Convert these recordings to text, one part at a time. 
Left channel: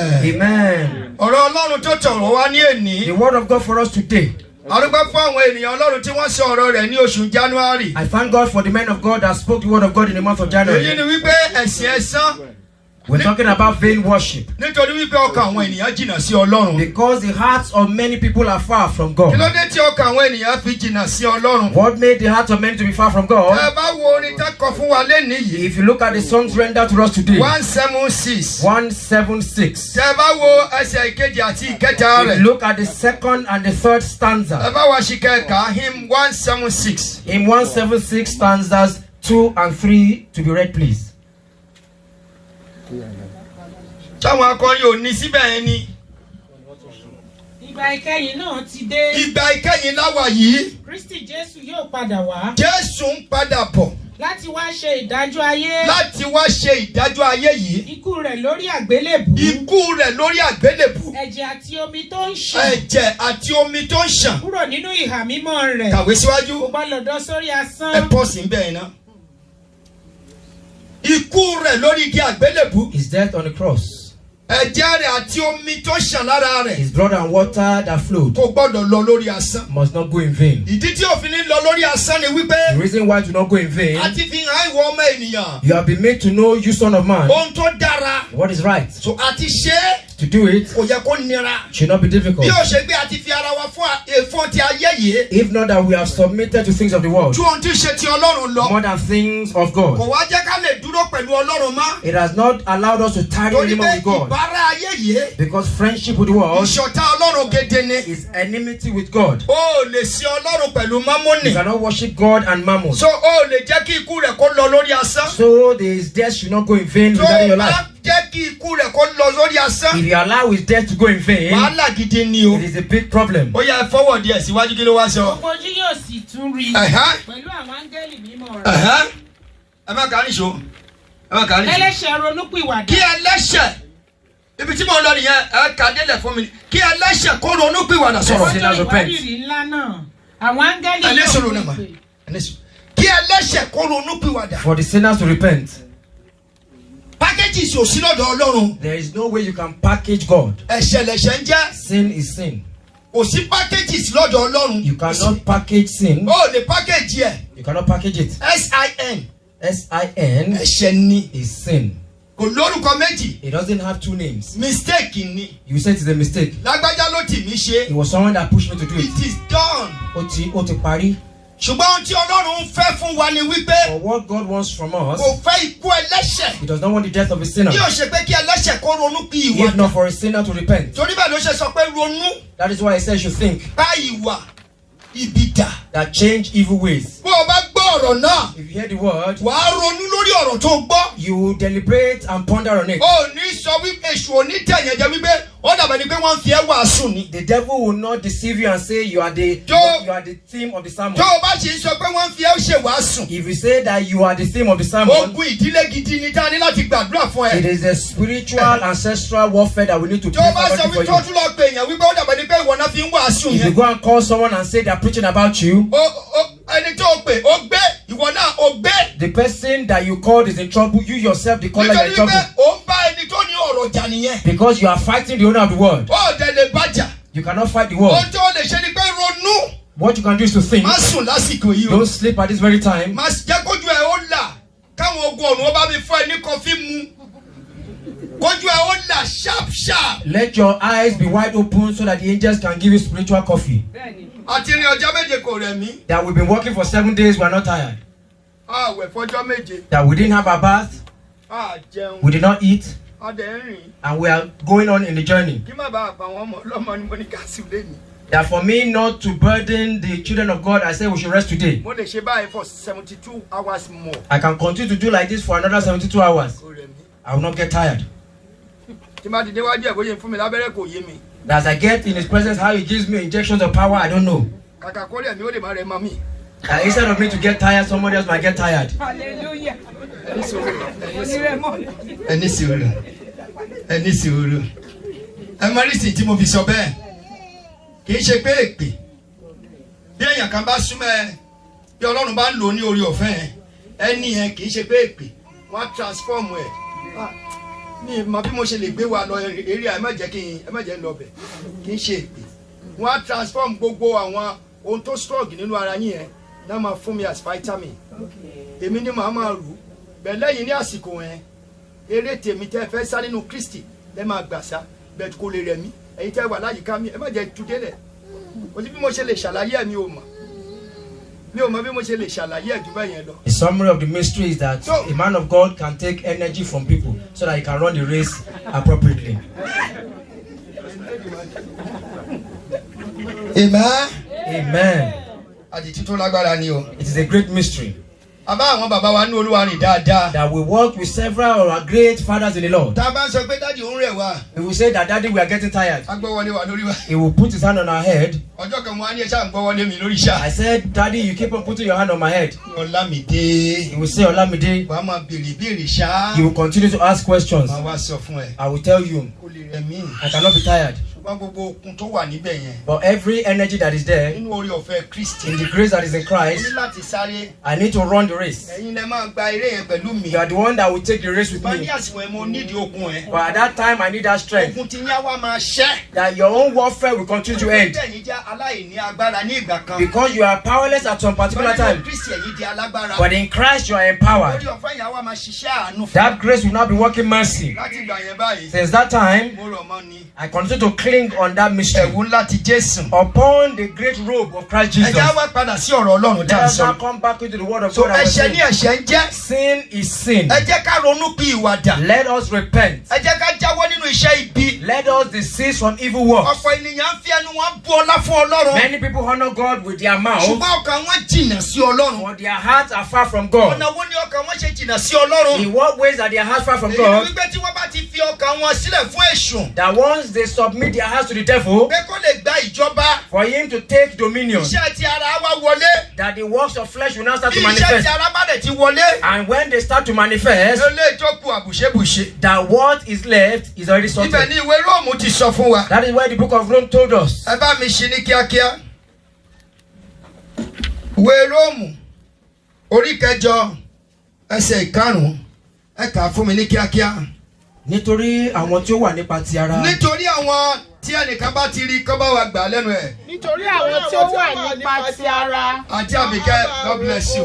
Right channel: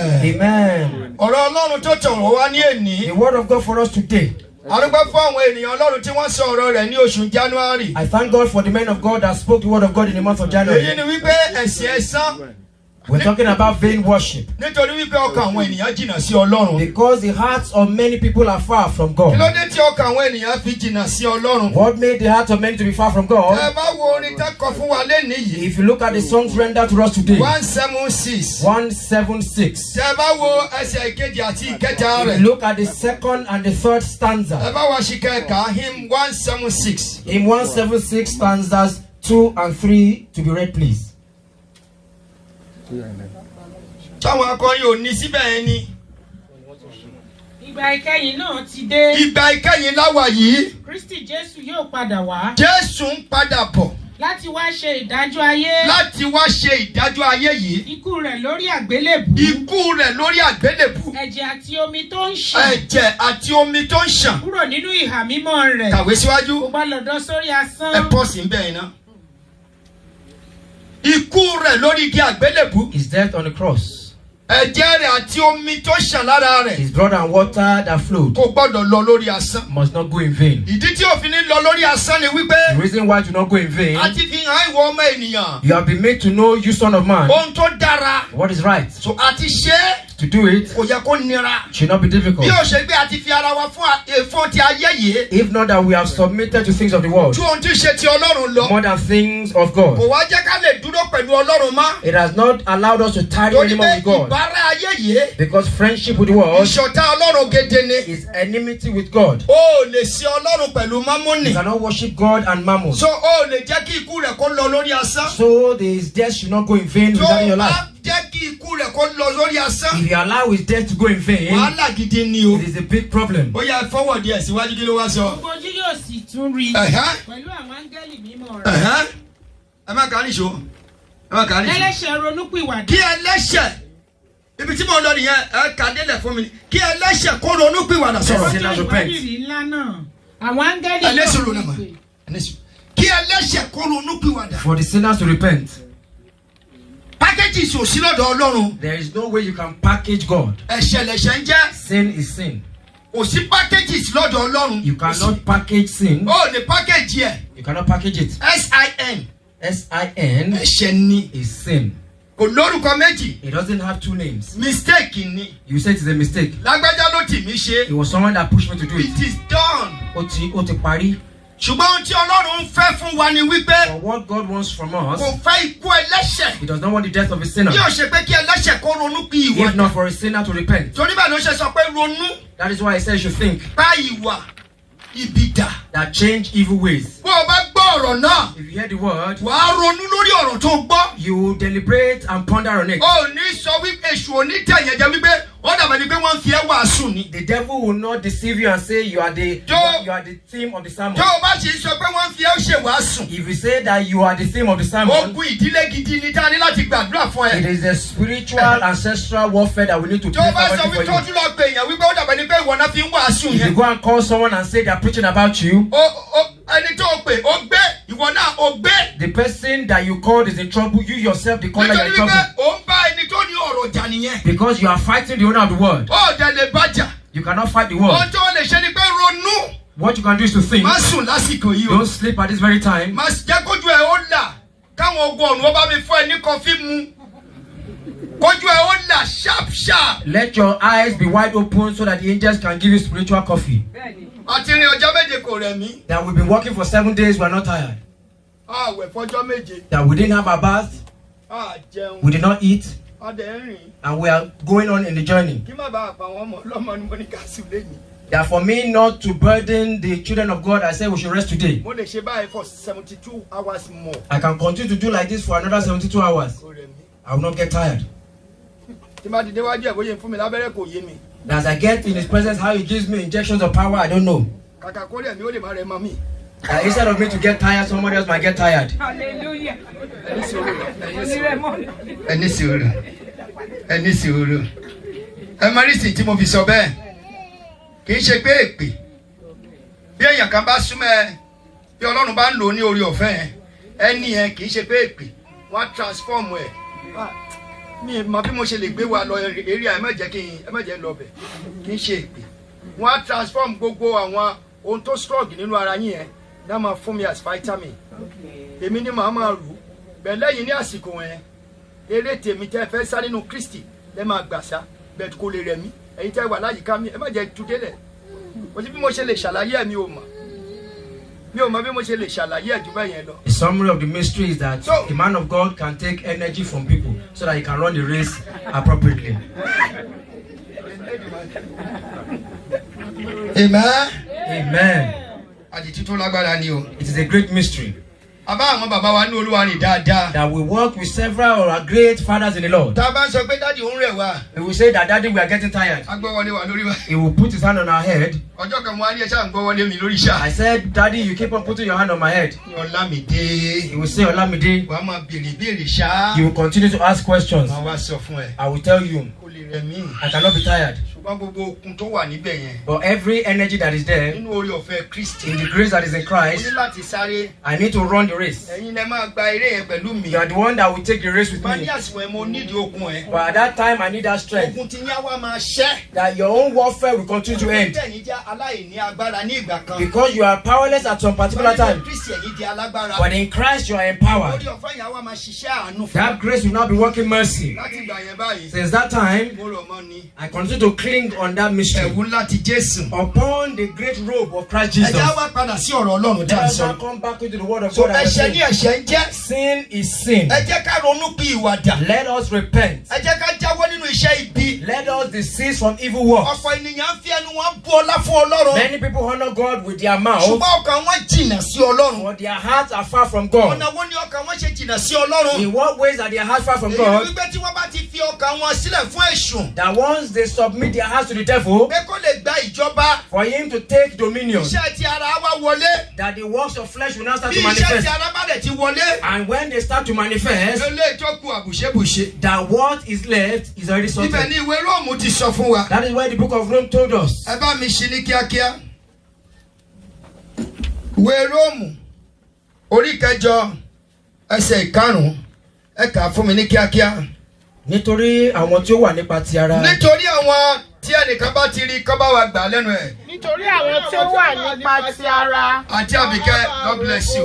Amen. The word of God for us today. I thank God for the men of God that spoke the word of God in the month of January. We're talking about vain worship. Because the hearts of many people are far from God. What made the hearts of many to be far from God? If you look at the songs rendered to us today, 176. If you look at the second and the third stanza, hymn 176. In 176 stanzas 2 and 3 to be read, please. Táwọn akọrin ò ní síbẹ̀ yẹn ni. Ìgbà ìkẹyìn náà ti dé. Ìgbà ìkẹyìn láwa yìí. Kristi Jésù yóò padà wá. Jésù ń padà bọ̀. Láti wá ṣe ìdájọ́ ayé. Láti wá ṣe ìdájọ́ ayé yìí. Ikú rẹ̀ lórí àgbélébùú. Ikú rẹ̀ lórí àgbélébùú. Ẹ̀jẹ̀ àti omi tó ń ṣàn. Ẹ̀jẹ̀ àti omi tó ń ṣàn. Kúrò nínú ìhà mímọ́ rẹ̀. Kàwé síwájú. Kò bá lọ dán sórí asán. Ẹ pọ̀ sí bẹ́ẹ̀ náà. Ikú rẹ̀ lórí igi àgbélébùú. His death on the cross. Ẹ̀jẹ̀ rẹ̀ àti omi tó ṣàn lára rẹ̀. His blood and water that flowed. Kò gbọ́dọ̀ lọ lórí asán. Must not go in vain. Ìdí tí òfin ní lọ lórí asán ni wípé. The reason why do not go in vain. A ti fi hàn ìwọ ọmọ ènìyàn. You have been made to know, you son of man. Ohun tó dára. What is right. So a ti ṣe é. To do it kò yẹ kó nira. should not be difficult. Bí o ṣe gbé àti fi ara wa fún ti ayé yìí. If not that we have submitted to things of the world. Ju ohun tí ṣe ti Ọlọ́run lọ. More than things of God. Kò wá jẹ́ ká lè dúró pẹ̀lú Ọlọ́run mọ́. It has not allowed us to tarry anymore with God. Ìbára ayé yìí. Because friendship with the world. Ìṣọ̀tá Ọlọ́run gidi ni. Is enmity with God. O lè sin Ọlọ́run pẹ̀lú Mámónì. You cannot worship God and Mammon. So o lè jẹ́ kí ikú rẹ̀ kó lọ lórí asán. So his death should not go in vain regarding your life. Jẹ́ kí ikú rẹ̀ kó lọ lórí asán. If you allow his death to go in vain, wàhálà gidi ni o. It is a big problem. Ó yá fọwọ́ díẹ̀ síwájú kí ló wá sọ. Gbogbo ojú yóò sì tún rí. Pẹ̀lú àwọn áńgẹ́lì mímọ́ rẹ̀. Ẹ má kàá níṣó. Ẹlẹ́ṣẹ̀ ronúpìwàdà. Kí ẹlẹ́ṣẹ̀ ibi tí mo lọ nìyẹn ẹ kà délẹ̀ fún mi. Kí ẹlẹ́ṣẹ̀ kó ronúpìwàdà sọ̀rọ̀. Ọjọ́ ìwádìí ńlá náà. Àwọn áńgẹ́lì yóò pè. Kí ẹlẹ́ṣẹ̀ kó ronúpìwàdà. For the sinners to repent. Packages ò sí lọ́dọ̀ Ọlọ́run. There is no way you can package God. Ẹ̀ṣẹ̀ lẹ̀ṣẹ̀ ń jẹ́. Sin is sin. Kò sí packages lọ́dọ̀ Ọlọ́run. You cannot package sin. O lè package yẹ. You cannot package it. S-I-N. S-I-N. Ẹ̀ṣẹ̀ ni. Is sin. Kò lórúkọ méjì. It doesn't have two names. Mistake ni. You say it is a mistake. Lágbájá ló tì mí ṣe. It was someone that pushed me to do it. It is done. Ó ti parí. Ṣùgbọ́n ohun tí Ọlọ́run ń fẹ́ fún wa ni wípé. For what God wants from us. Kò fẹ́ ikú ẹlẹ́ṣẹ̀. He does not want the death of a sinner. Bí o ṣe pé kí ẹlẹ́ṣẹ̀ kó ronú bí ìwà. If not for a sinner to repent. Torí bẹ́ẹ̀ ló ṣe sọ pé ronú. That is why he says you think. Bá ìwà ibi dà. That change evil ways. Bó o bá gbọ́ ọ̀rọ̀ náà. If you hear the word. Wà á ronú lórí ọ̀rọ̀ tó gbọ́. You deliberate and ponder on it. O ní sọ wípé èṣù òní tẹ̀yẹ̀ jẹ́ wípé ó dàbẹ̀ ni pé wọ́n fi ẹ́ wàásù ni. The devil will not deceive you and say you are the theme of the sermon. Tó o bá sì sọ pé wọ́n fi ẹ́ ṣe wàásù. If you say that you are the theme of the sermon. Ogun ìdílé gidi ni tá a ní láti gbàdúrà fún ẹ. It is a spiritual ancestral warfare that we need to pray for you. Tó o bá sọ wípé tó tún lọ pè èèyàn wípé ó dàbẹ̀ ni pé ìwọ náà fi ń wàásù yẹn. If you go and call someone and say they are preaching about you. Ẹni tó pè ó gbé ìwọ náà ó gbé. The person that you called is in trouble. You yourself, the caller, you are in trouble. Nítorí pé ó ń bá ẹni tó ní ọ̀rọ̀ jà nìyẹn. Because you are fighting the owner of the word. Ó dẹ̀ lè bàjà. You cannot fight the word. Ohun tó lè ṣe ni pé ronú. What you can do is to think. Má sùn lásìkò yìí o. Don't sleep at this very time. Má jẹ́ kójú ẹ̀ ó là káwọn ogun ọ̀run ó bá mi fún ẹ ní kọfí mu. Kójú ẹ̀ ó là sharp. Let your eyes be wide open so that the angels can give you spiritual coffee. Àti ní ọjọ́ méje kò rẹ̀ mí. That we've been working for 7 days, we're not tired. Àwẹ̀ fọjọ́ méje. That we didn't have our bath. Jẹun. We did not eat. Adẹ̀ ń rìn. And we are going on in the journey. Kí má bàa pa àwọn ọmọ ọlọ́mọ ni mo ní ká sí lẹ́yìn. That for me not to burden the children of God, I say we should rest today. Mo lè ṣe báyìí for 72 hours more. I can continue to do like this for another 72 hours. Kò rẹ̀ mí. I will not get tired. Tí má ti déwájú ẹ̀ bóyá fún mi lábẹ́rẹ́ kò yé mi. As I get in his presence, how he gives me injections of power, I don't know. Kàkà kó lẹ̀ mí ó lè má rẹ̀ mọ́ mi. Instead of me to get tired, somebody else might get tired. Hallelujah. Ẹni sùúrù. Ẹni sùúrù. Ẹ mọ rísì tí mo fi sọ bẹ́ẹ̀. Kì í ṣe pé èpè. Bí èèyàn kan bá súnmọ́ ẹ, bí Ọlọ́run bá ń lò ó ní orí ọ̀fẹ́ ẹ, ẹni yẹn kì í ṣe pé èpè. Wọ́n á transform ẹ̀. mi mọ bí mo ṣe lè gbé wa lọ eré ẹ má jẹ́ lọ bẹ̀ kì í ṣe èpè wọ́n á transform gbogbo àwọn ohun tó strong nínú ara yín yẹn náà máa fún mi as vitamin èmi ni màá máa rù bẹ́ẹ̀ lẹ́yìn ní àsìkò yẹn eré tèmi tẹ́ fẹ́ sá nínú Kristi lẹ́ máa gbà sá bẹ́ẹ̀ kò lè rẹ̀ mí ẹ̀yin tẹ́ wà láyìíká mi ẹ má jẹ́ tú délẹ̀ kò sí bí mo ṣe lè ṣàlàyé mi ò mọ̀ bí mo ṣe lè ṣàlàyé ẹ̀ jù bẹ́ẹ̀ yẹn lọ. The summary of the mystery is that a man of God can take energy from people so that he can run the race appropriately. Amen. Amen. Àdìtú tó lágbára ni o. It is a great mystery. Àbá àwọn bàbá wa ní Olúwa rìn dáadáa. That we work with several of our great fathers in the Lord. Tá a bá ń sọ pé dáàdi òun rẹ̀ wá. We will say that daddy we are getting tired. Agbọ́wọlé wa lórí wa. He will put his hand on our head. Ọjọ́ kan mo á ní ẹ̀ṣá ń gbọ́wọlé mi lórí iṣẹ́. I said, Daddy, you keep on putting your hand on my head. Ọlámídé. He will say, Olamide. Wàá máa béèrè béèrè ṣá. You will continue to ask questions. Màá wá sọ fún ẹ. I will tell you. Kò lè rẹ̀ mí. I cannot be tired. Ṣùgbọ́n gbogbo okun tó wà níbẹ̀ yẹn. But every energy that is there, nínú orí ọ̀fẹ́ Kristi. in the grace that is in Mo Christ, ní láti sáré. I need to run the race. Ẹ̀yin lẹ máa gba eré yẹn pẹ̀lú mi. You are the one that will take the race with Bá ní me. àsìkò ẹ̀ mo nídìí okun ẹ̀. But at that time, I need that strength. Okun ti yá wá máa ṣẹ́. That your own warfare will continue to end. Ẹ̀yin jẹ́ aláìní agbára ní ìgbà kan. Because you are powerless at some particular time. Kristi ẹ̀yin di alágbára. But in Christ, you are empowered. Orí ọ̀fẹ́ yẹn wá máa ṣiṣẹ́ àánú fún. That grace will now be working mercy. Láti ìgbà yẹn báyìí. Since that time, Mo rọ̀ mọ́ ni. I continue to cling on that mystery. Ẹ̀wù ńlá ti Jésù. Upon the great robe of Christ Jesus. Ẹ̀jẹ̀ wá padà sí ọ̀rọ̀ Ọlọ́run Let tá a us now sọ. come back into the word of So God. And we ẹ̀ṣẹ̀ ní say, ẹ̀ṣẹ̀ ń jẹ́. sin is sin. Ẹ jẹ́ ká ronú pé ìwàdà. Let us repent. Ẹ jẹ́ ká jáwọ́ nínú iṣẹ́ ibi. Let us desist from evil works. Ọ̀pọ̀ ènìyàn ń fi ẹnu wọn bú ọlá fún Ọlọ́run. Many people honor God with their mouth, Ṣùgbọ́n ọkàn wọn jìnnà sí Ọlọ́run. but their hearts are far from God. Ọ̀nà wo ni ọkàn wọn ṣe jìnnà sí Ọlọ́run? In what ways are their hearts far from Èyí God? ni wípé tí wọ́n bá ti fi ọkàn wọn sílẹ̀ fún èṣù. That once they submit their hearts to the devil, Pé kó lè gba ìjọba. for him to take dominion, Iṣẹ́ ti ara wa wọlé. that the works of flesh will now start Bí to iṣẹ́ ti manifest. ara bá dẹ̀ ti wọlé. And when they start to manifest, Ilé ìjókòó àbùṣebùṣe. that what is left is already Ibẹ̀ sorted. ni ìwé Róòmù ti sọ fún wa. That is why the book of Rome told us. Ẹ bá mi ṣí ní kíákíá. Ìwé Róòmù orí kẹjọ ẹsẹ̀ ìkarùn-ún ẹ kà á fún mi ní kíákíá. Nítorí àwọn tí ó wà nípa ti ara. Nítorí àwọn tí ẹnìkan bá ti rí kọ́ bá wa gbà lẹ́nu ẹ̀. Nítorí àwọn tí ó wà nípa ti ara. Àǹtí Àbíkẹ́, God bless you.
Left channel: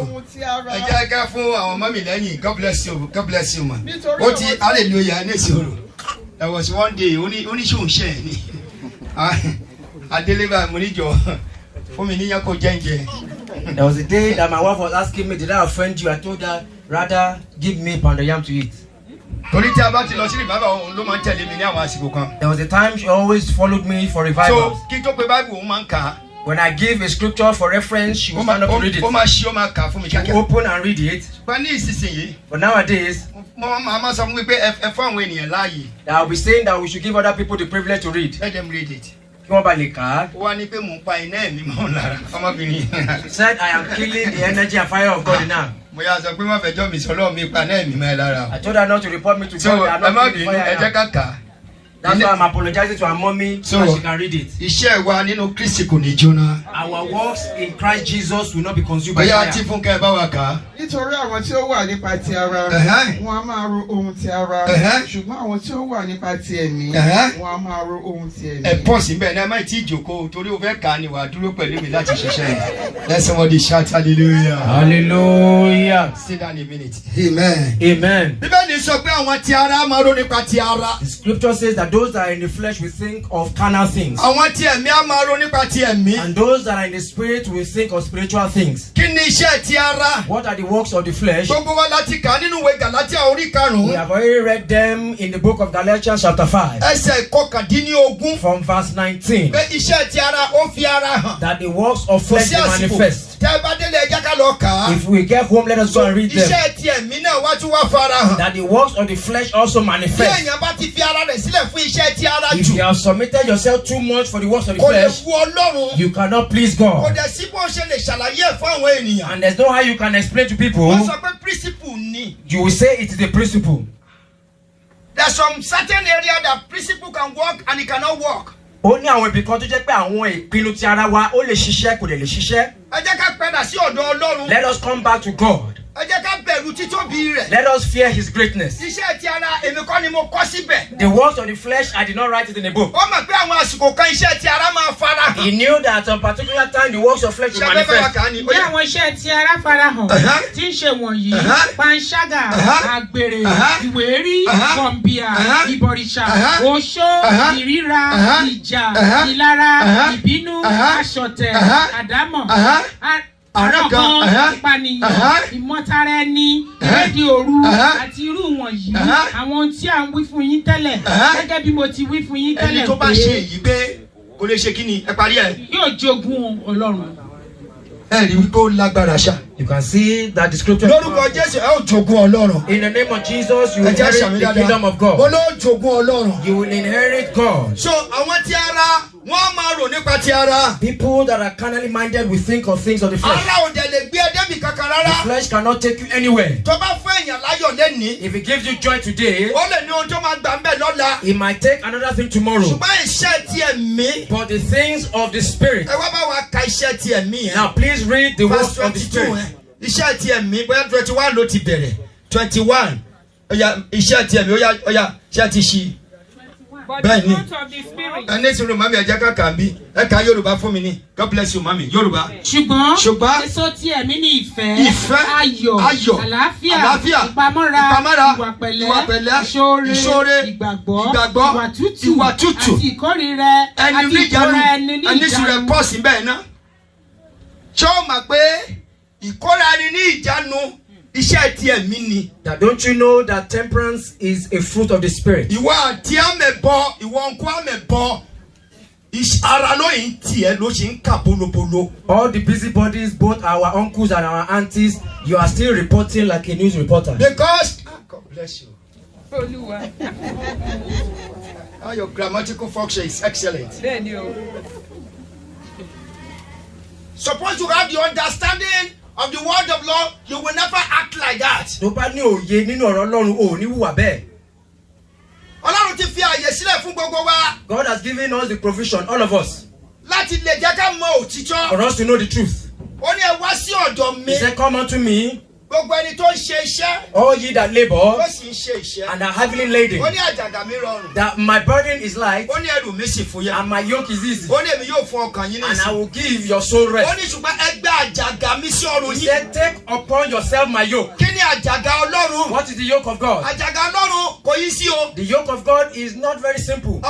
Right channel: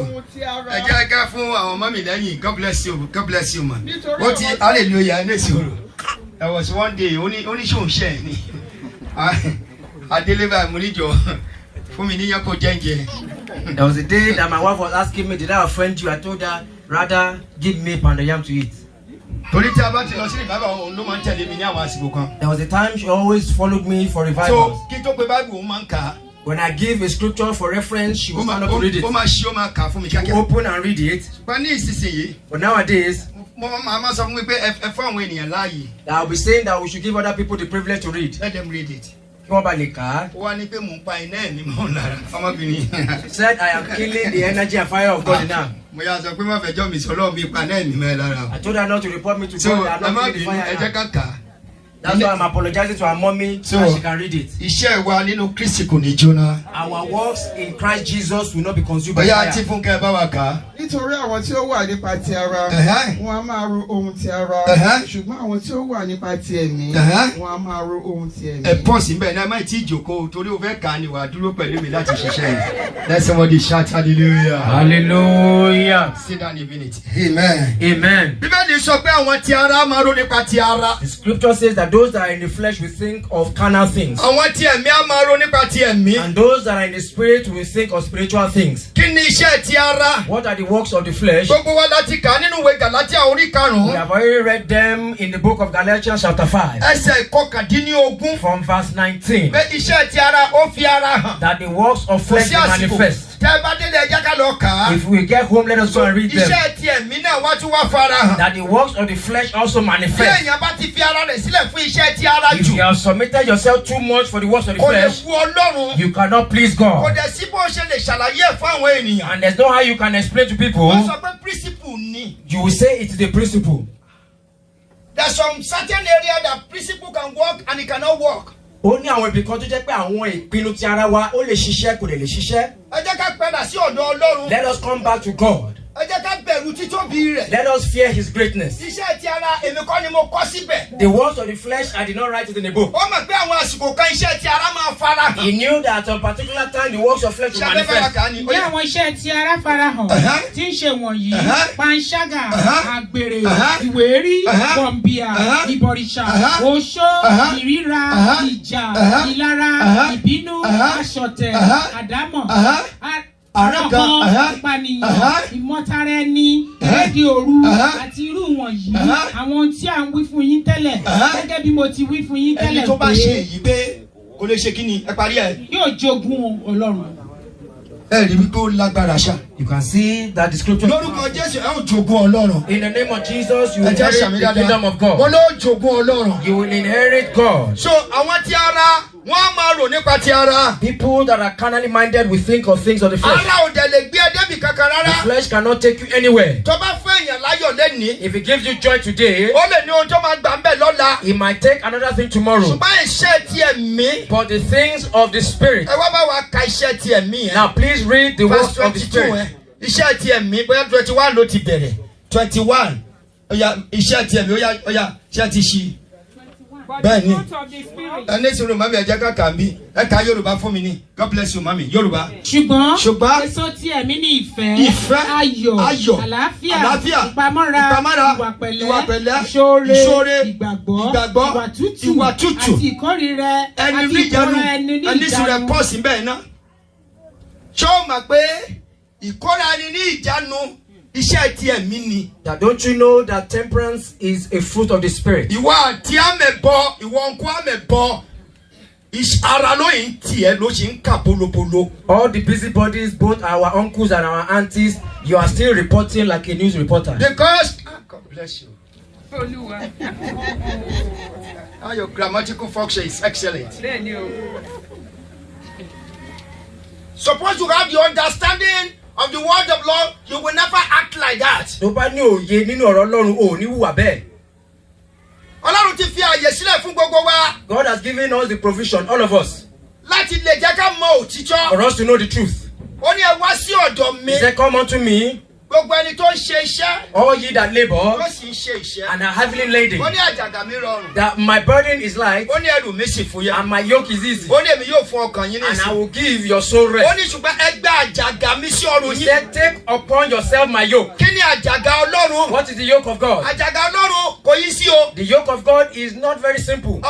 Ẹ jẹ́ ká fún àwọn ọmọ mi lẹ́yìn, God bless you, God bless you ma. Ó ti hallelujah ní ìṣòro. There was one day oníṣòwò ṣe ẹ̀ ni. Adélébà mo níjọ fún mi níyàn kó jẹ́ǹjẹ́. There was a day that my wife was asking me, did I offend you? I told her, rather give me pounded yam to eat. Torí tí a bá ti lọ sí ìbábà òun ló máa ń tẹ̀lé mi ní àwọn àsìkò kan. There was a time she always followed me for So revivals. kí n tó pe Bible òun máa ń kà á. When I give a scripture for reference, she will stand up to read it. Ó máa ṣí ó máa kà á fún mi She will kíákíá. open and read it. Ṣùgbọ́n ní ìsinsìnyí, But nowadays, mo máa sọ fún mi pé ẹ fún àwọn ènìyàn láàyè. I will be saying that we should give other people the privilege to read. Let them read it. Kí wọ́n bá lè kà á. Ó wá ní pé mò ń pa iná ẹ̀mí mọ́ lára ọmọbìnrin. She said, I am killing the energy and fire of God now. Mo yà sọ pé má fẹjọ́ mi sọ lọ́wọ́ mi pa iná ẹ̀mí mọ́ lára. I told her not to report me to So God. ẹ I'm má not killing bínú the ẹ jẹ́ fire now. ká kà á. That's why I'm apologizing to her mommy so that she can read it. Iṣẹ́ wa nínú Kristi kò ní jóná. Our works in Christ Jesus will not be consumed by Bóyá tí fire. Fúnkẹ́ bá wa kà á. Nítorí àwọn tí ó wà nípa ti ara, wọn a máa ro ohun ti ara, ṣùgbọ́n àwọn tí ó wà nípa ti ẹ̀mí, wọn a máa ro ohun ti ẹ̀mí. Ẹ pọ̀ sí bẹ́ẹ̀ náà, ẹ má tí ì jókòó torí o fẹ́ kà á ni wà á dúró pẹ̀lú mi láti ṣiṣẹ́ yìí. Let somebody shout hallelujah. Hallelujah. Sit down a minute. Amen. Amen. Bíbélì sọ pé àwọn ti ara máa ro nípa ti ara. The scripture says that those that are in the flesh will think of carnal things. Àwọn ti ẹ̀mí á máa ro nípa ti ẹ̀mí. And those that are in the spirit will think of spiritual things. Kí ni iṣẹ́ ti ara? What are the works of the flesh? Gbogbo wa láti kà á nínú ìwé Gàlátíà orí We karùn-ún. have already read them in the book of Galatians chapter 5 Ẹsẹ̀ ìkọkàndínlógún. from verse 19. Pé iṣẹ́ ti ara ó fi ara hàn. That the works of Kò flesh sí will àsìkò. manifest. Tẹ́ ẹ bá délé ẹ jẹ́ ká lọ kà á. If we get home, let us go and read them. Iṣẹ́ ti ẹ̀mí náà wá tún wá fara hàn. That the works of the flesh also Bí manifest. èèyàn bá ti fi ara rẹ̀ sílẹ̀ fún iṣẹ́ ti ara If jù, you have submitted yourself too much for the works of the kò lè flesh, wu Ọlọ́run. you cannot please Kò God. dẹ̀ sí bó ṣe lè ṣàlàyé ẹ̀ fún àwọn ènìyàn. And there's no how you can explain to people. Wọ́n sọ pé principle ni. You will say it is a principle. There's some certain area that principle can work and it cannot work. Ó ní àwọn ibì kan tó jẹ́ pé àwọn ìpinnu ti ara wa ó lè ṣiṣẹ́ kò dẹ̀ lè ṣiṣẹ́. Ẹ jẹ́ ká padà sí ọ̀dọ̀ Ọlọ́run. Let us come back to God. Let us fear his greatness. The works of the flesh, I did not write it in a book. He knew that at a particular time the works of flesh will manifest. Ìmọ̀tara ẹni, ìrédìí òru, àti irú wọ̀nyí. Àwọn tí à ń wí fún yín tẹ́lẹ̀, gẹ́gẹ́ bí mo ti wí fún yín tẹ́lẹ̀ pé. Ẹni tó bá ṣe èyí pé kò lè ṣe kí ni ẹ parí ẹ. Yóò jogún Ọlọ́run. You can see that the scripture. In the name of Jesus, you will inherit the kingdom of God. You will inherit God. So people that are carnally minded will think of things of the flesh. The flesh cannot take you anywhere. If it gives you joy today, it might take another thing tomorrow. But the things of the Spirit. Now please read the words of the Spirit. 21. Bẹ́ẹ̀ni ẹni sùn ló mami ẹ̀jẹ̀ kankan bí ẹ ka Yorùbá fún mi ní God bless you mami Yorùbá. ṣùgbọ́n èso tí ẹ̀mí ní ìfẹ́ ayọ̀ àlàáfíà ìpamọ́ra ìwà pẹ̀lẹ́ ìṣoore ìgbàgbọ́ ìwà tútù àti ìkórìíra ẹni ní sùn rẹ̀ pọ̀ sí bẹ́ẹ̀ náà. ṣé o mọ̀ pé ìkórìíra ẹni ní ìjánu? Now don't you know that temperance is a fruit of the Spirit? All the busybodies, both our uncles and our aunties, you are still reporting like a news reporter. Because God bless you. Your grammatical function is excellent. Suppose you have the understanding of the word of Lord, you will never act like that. God has given us the provision, all of us, for us to know the truth. He said, come unto me, all ye that labor and are heavily laden, that my burden is light and my yoke is easy, and I will give your soul rest. He said, take upon yourself my yoke. What is the yoke of God? The yoke of God is not very simple.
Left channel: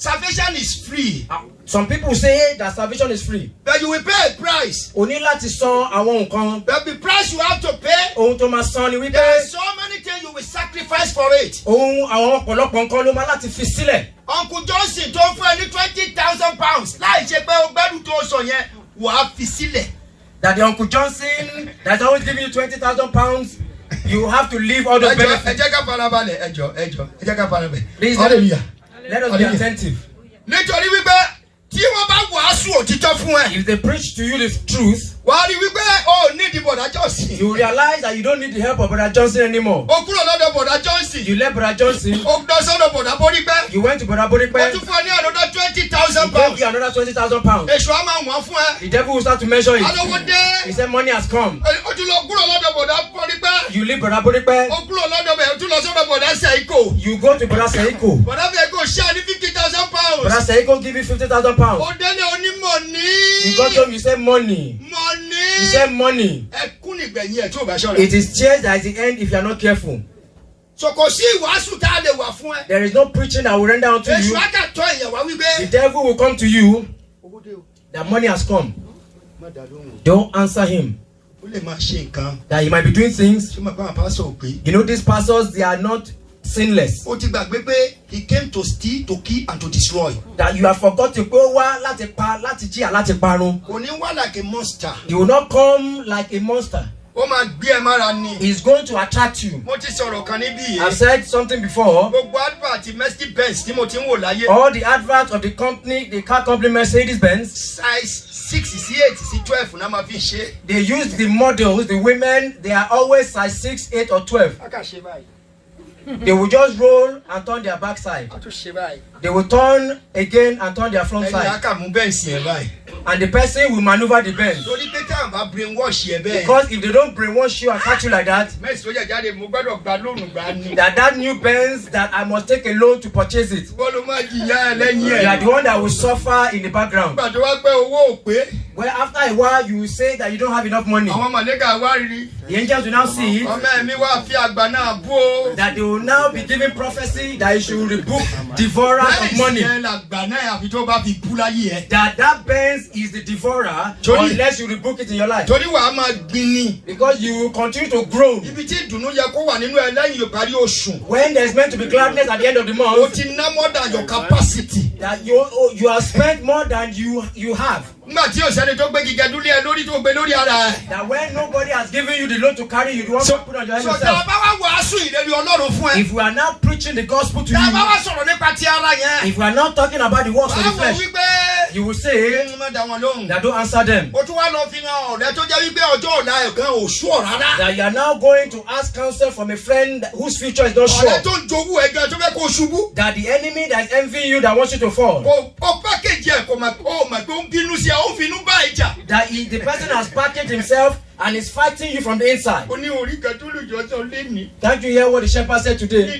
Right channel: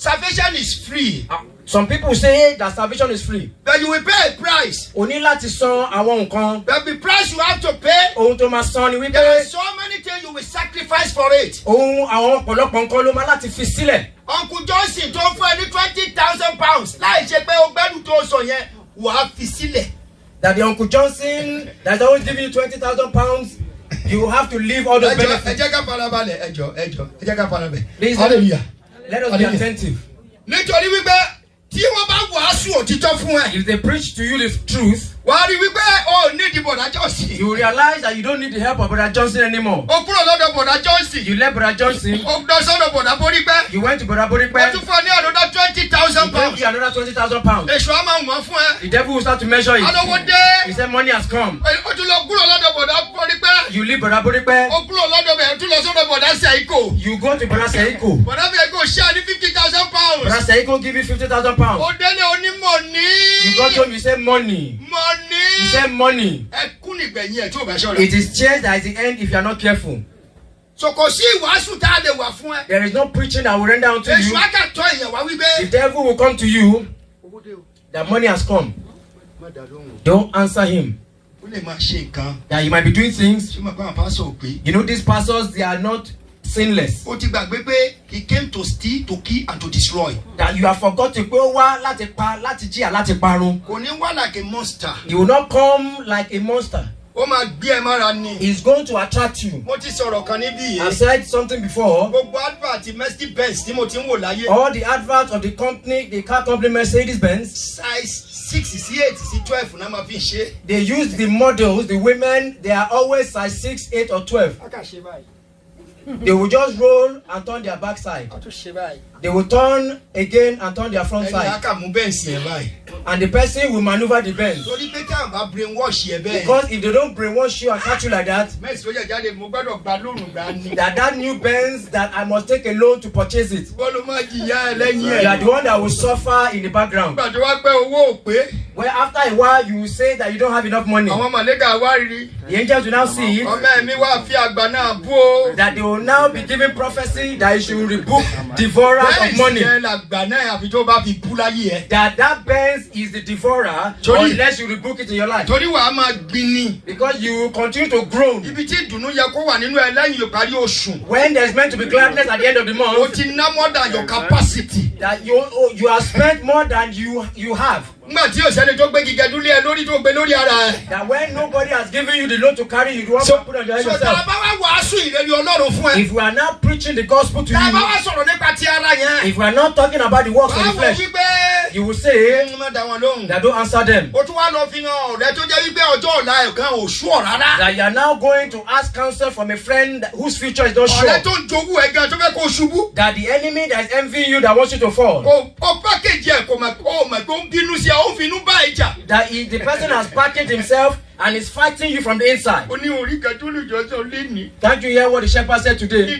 Salvation is free. Some people say that salvation is free. But you will pay a price. O ní láti san àwọn nǹkan. But the price you have to pay. Ohun tó máa san ni wípé. There are so many things you will sacrifice for it. Ohun àwọn ọ̀pọ̀lọpọ̀ nǹkan ló máa láti fi sílẹ̀. Uncle Johnson tó fún ẹ ní £20,000 láì ṣe pé o gbẹ́dùn tó sọ yẹn wà á fi sílẹ̀. That the Uncle Johnson that's always giving you £20,000, you have to leave all those benefits. Ẹ jẹ́ ká farabalẹ̀ ẹ jẹ́ ká farabalẹ̀. Please hallelujah. Let us be attentive. Nítorí wípé tí wọ́n bá wàásù òtítọ́ fún ẹ. If they preach to you the truth, wàá rí wípé o ní ìdí Bọ̀dá Johnson. You will realize that you don't need the help of Brother Johnson anymore. O kúrò lọ́dọ̀ Bọ̀dá Johnson. You left Brother Johnson. O lọ sọ́dọ̀ Bọ̀dá Borípé. You went to Brother Borípé. O tún fún ọ ní another £20,000. He gave you another £20,000. Èṣù á máa wọ̀n fún ẹ. The devil will start to measure it. Alówó dé. He said money has come. O tún lọ kúrò lọ́dọ̀ Bọ̀dá Borípé. You leave Brother Borípé. O kúrò lọ́dọ̀ bẹ̀ o tún lọ sọ́dọ̀ Bọ̀dá Seiko. You go to Brother Seiko. Bọ̀dá Seiko ṣáà ní £50,000. Brother Seiko give you £50,000. O délé onímọ̀ ní. You got home, you said money. Money. You said money. Ẹkún nìgbẹ̀yìn ẹ̀ tí o bá ṣọ́ra. It is tears that is the end if you are not careful. So kò sí ìwàásù tá a lè wà fún ẹ. There is no preaching that will render unto you. Èṣù àkàtọ̀ èèyàn wá wípé. The devil will come to you. That money has come. Don't answer him. Ó lè máa ṣe nǹkan. That he might be doing things. Ṣé o máa bá àwọn pásọ̀ pé. You know these pastors, they are not sinless. O ti gbàgbé pé he came to steal, to kill and to destroy. That you have forgotten pé ó wá láti pa, láti jí, láti parun. Kò ní wá like a monster. He will not come like a monster. Ó máa gbé ẹ mára ni. He is going to attract you. Mo ti sọ̀rọ̀ kan níbí yìí. I've said something before. Gbogbo advert Mercedes Benz tí mo ti ń wò láyé. All the adverts of the company, the car company Mercedes Benz. Size 6 sí 8 sí 12 náà máa fi ṣe. They use the models, the women, they are always size 6, 8 or 12. A kà ṣe báyìí. They will just roll and turn their back side. A tún ṣe báyìí. They will turn again and turn their front side. Ẹni a kà mú bẹ́ǹsì yẹn báyìí. And the person will maneuver the bend. Because if they don't brainwash you and catch you like that, that new Benz that I must take a loan to purchase it. You are the one that will suffer in the background. Well, after a while, you will say that you don't have enough money. The angels will now see that they will now be giving prophecy that you should rebuke devourer of money. That Benz is the devourer unless you rebuke it in your life. Because you will continue to groan. When there's meant to be gladness at the end of the month, that you have spent more than you have. That when nobody has given you the load to carry, you don't put on your head yourself. If we are now preaching the gospel to you, if we are not talking about the works of the flesh, you will say that don't answer them. That you are now going to ask counsel from a friend whose future is not sure. That the enemy that is envying you, that wants you to fall. That the person has packaged himself and is fighting you from the inside. Can't you hear what the shepherd said today?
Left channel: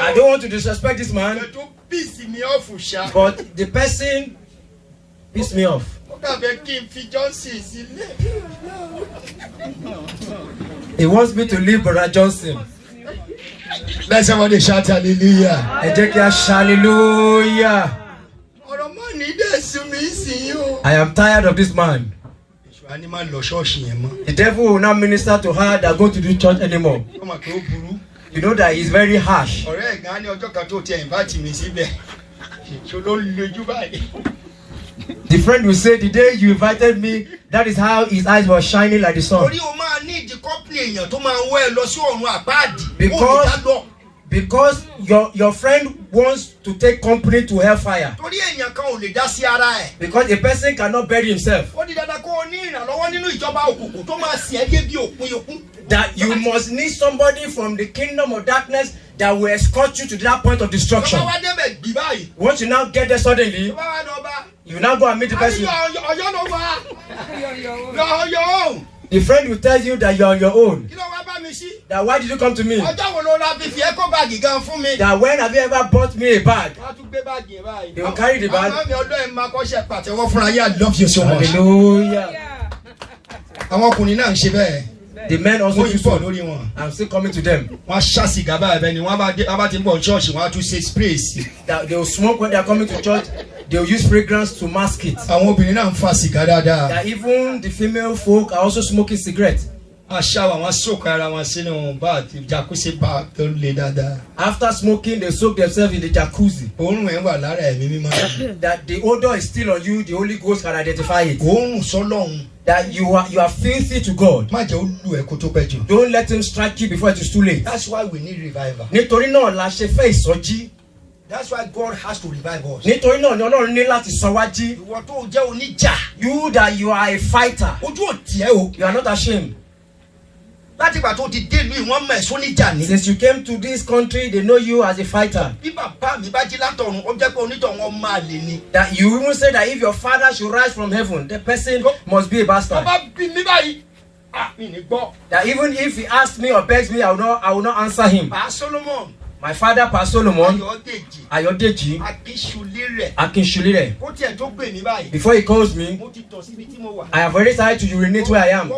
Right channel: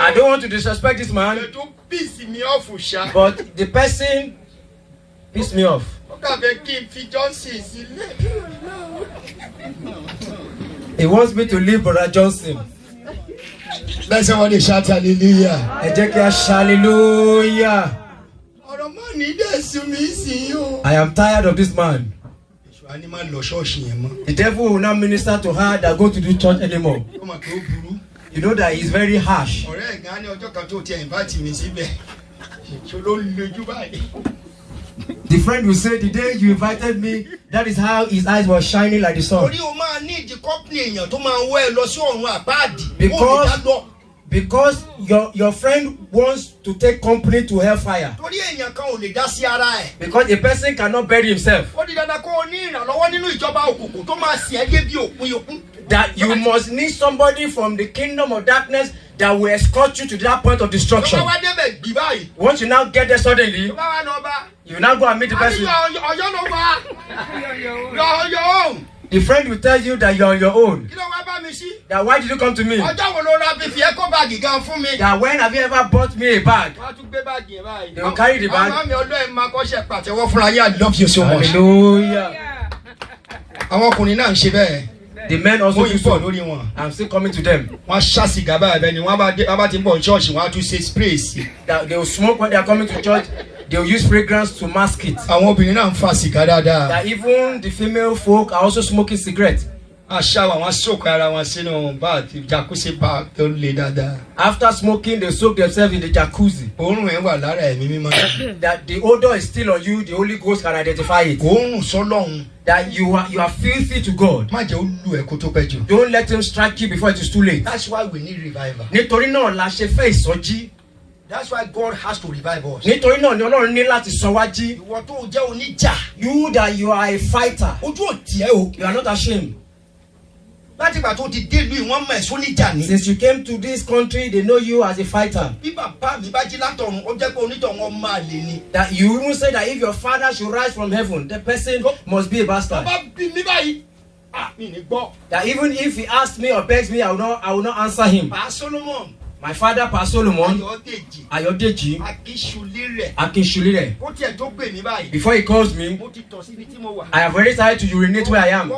I don't want to disrespect this man, but the person pissed me off. He wants me to leave Brother Johnson. Let somebody shout hallelujah. Hallelujah. I am tired of this man. The devil will not minister to her that go to do church anymore. You know that he's very harsh. The friend will say, the day you invited me, that is how his eyes were shining like the sun. Because your friend wants to take company to hellfire. Because a person cannot bury himself. That you must need somebody from the kingdom of darkness that will escort you to that point of destruction. Once you now get there suddenly, you now go and meet the person. The friend will tell you that you're on your own. That why did you come to me? That when have you ever bought me a bag? They will carry the bag. I love you so much. Hallelujah. The men also do so. I'm still coming to them. That they will smoke when they are coming to church. They will use fragrance to mask it. That even the female folk are also smoking cigarettes. After smoking, they soak themselves in the jacuzzi. That the odor is still on you, the Holy Ghost can identify it. That you are filthy to God. Don't let him strike you before it is too late. That's why we need revival. That's why God has to revive us. You that you are a fighter. You are not ashamed. Since you came to this country, they know you as a fighter. That you even say that if your father should rise from heaven, the person must be a bastard. That even if he asks me or begs me, I will not answer him. My father, Pastor Solomon, Ayodeji, Akinshulire. Before he calls me, I have already started to urinate where I am.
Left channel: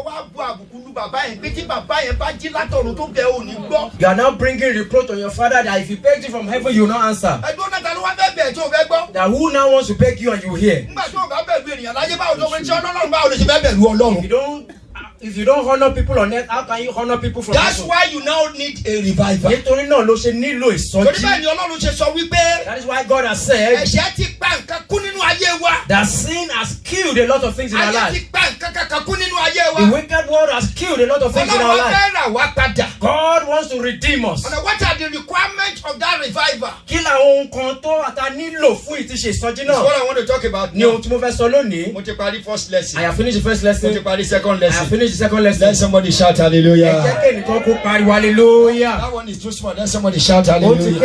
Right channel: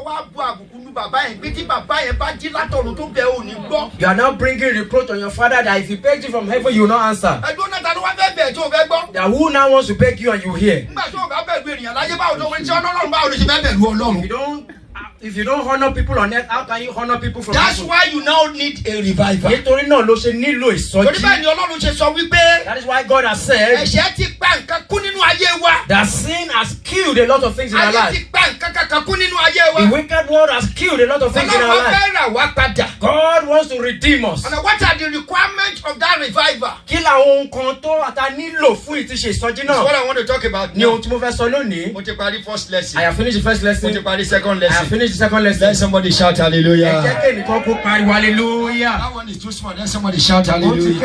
You are now bringing reproach on your father that if he begs you from heaven, you will not answer. That who now wants to beg you and you hear? If you don't honor people on earth, how can you honor people from That's heaven? why you now need a revival. That is why God has said that sin has killed a lot of things in our life. The wicked world has killed a lot of things in our life. God wants to redeem us. And what are the requirements of that revival? That's what I want to talk about now. First lesson. I have finished the first lesson. Second lesson. I have finished the second lesson. Let somebody shout hallelujah. Hallelujah. That one is too small. Let somebody shout hallelujah.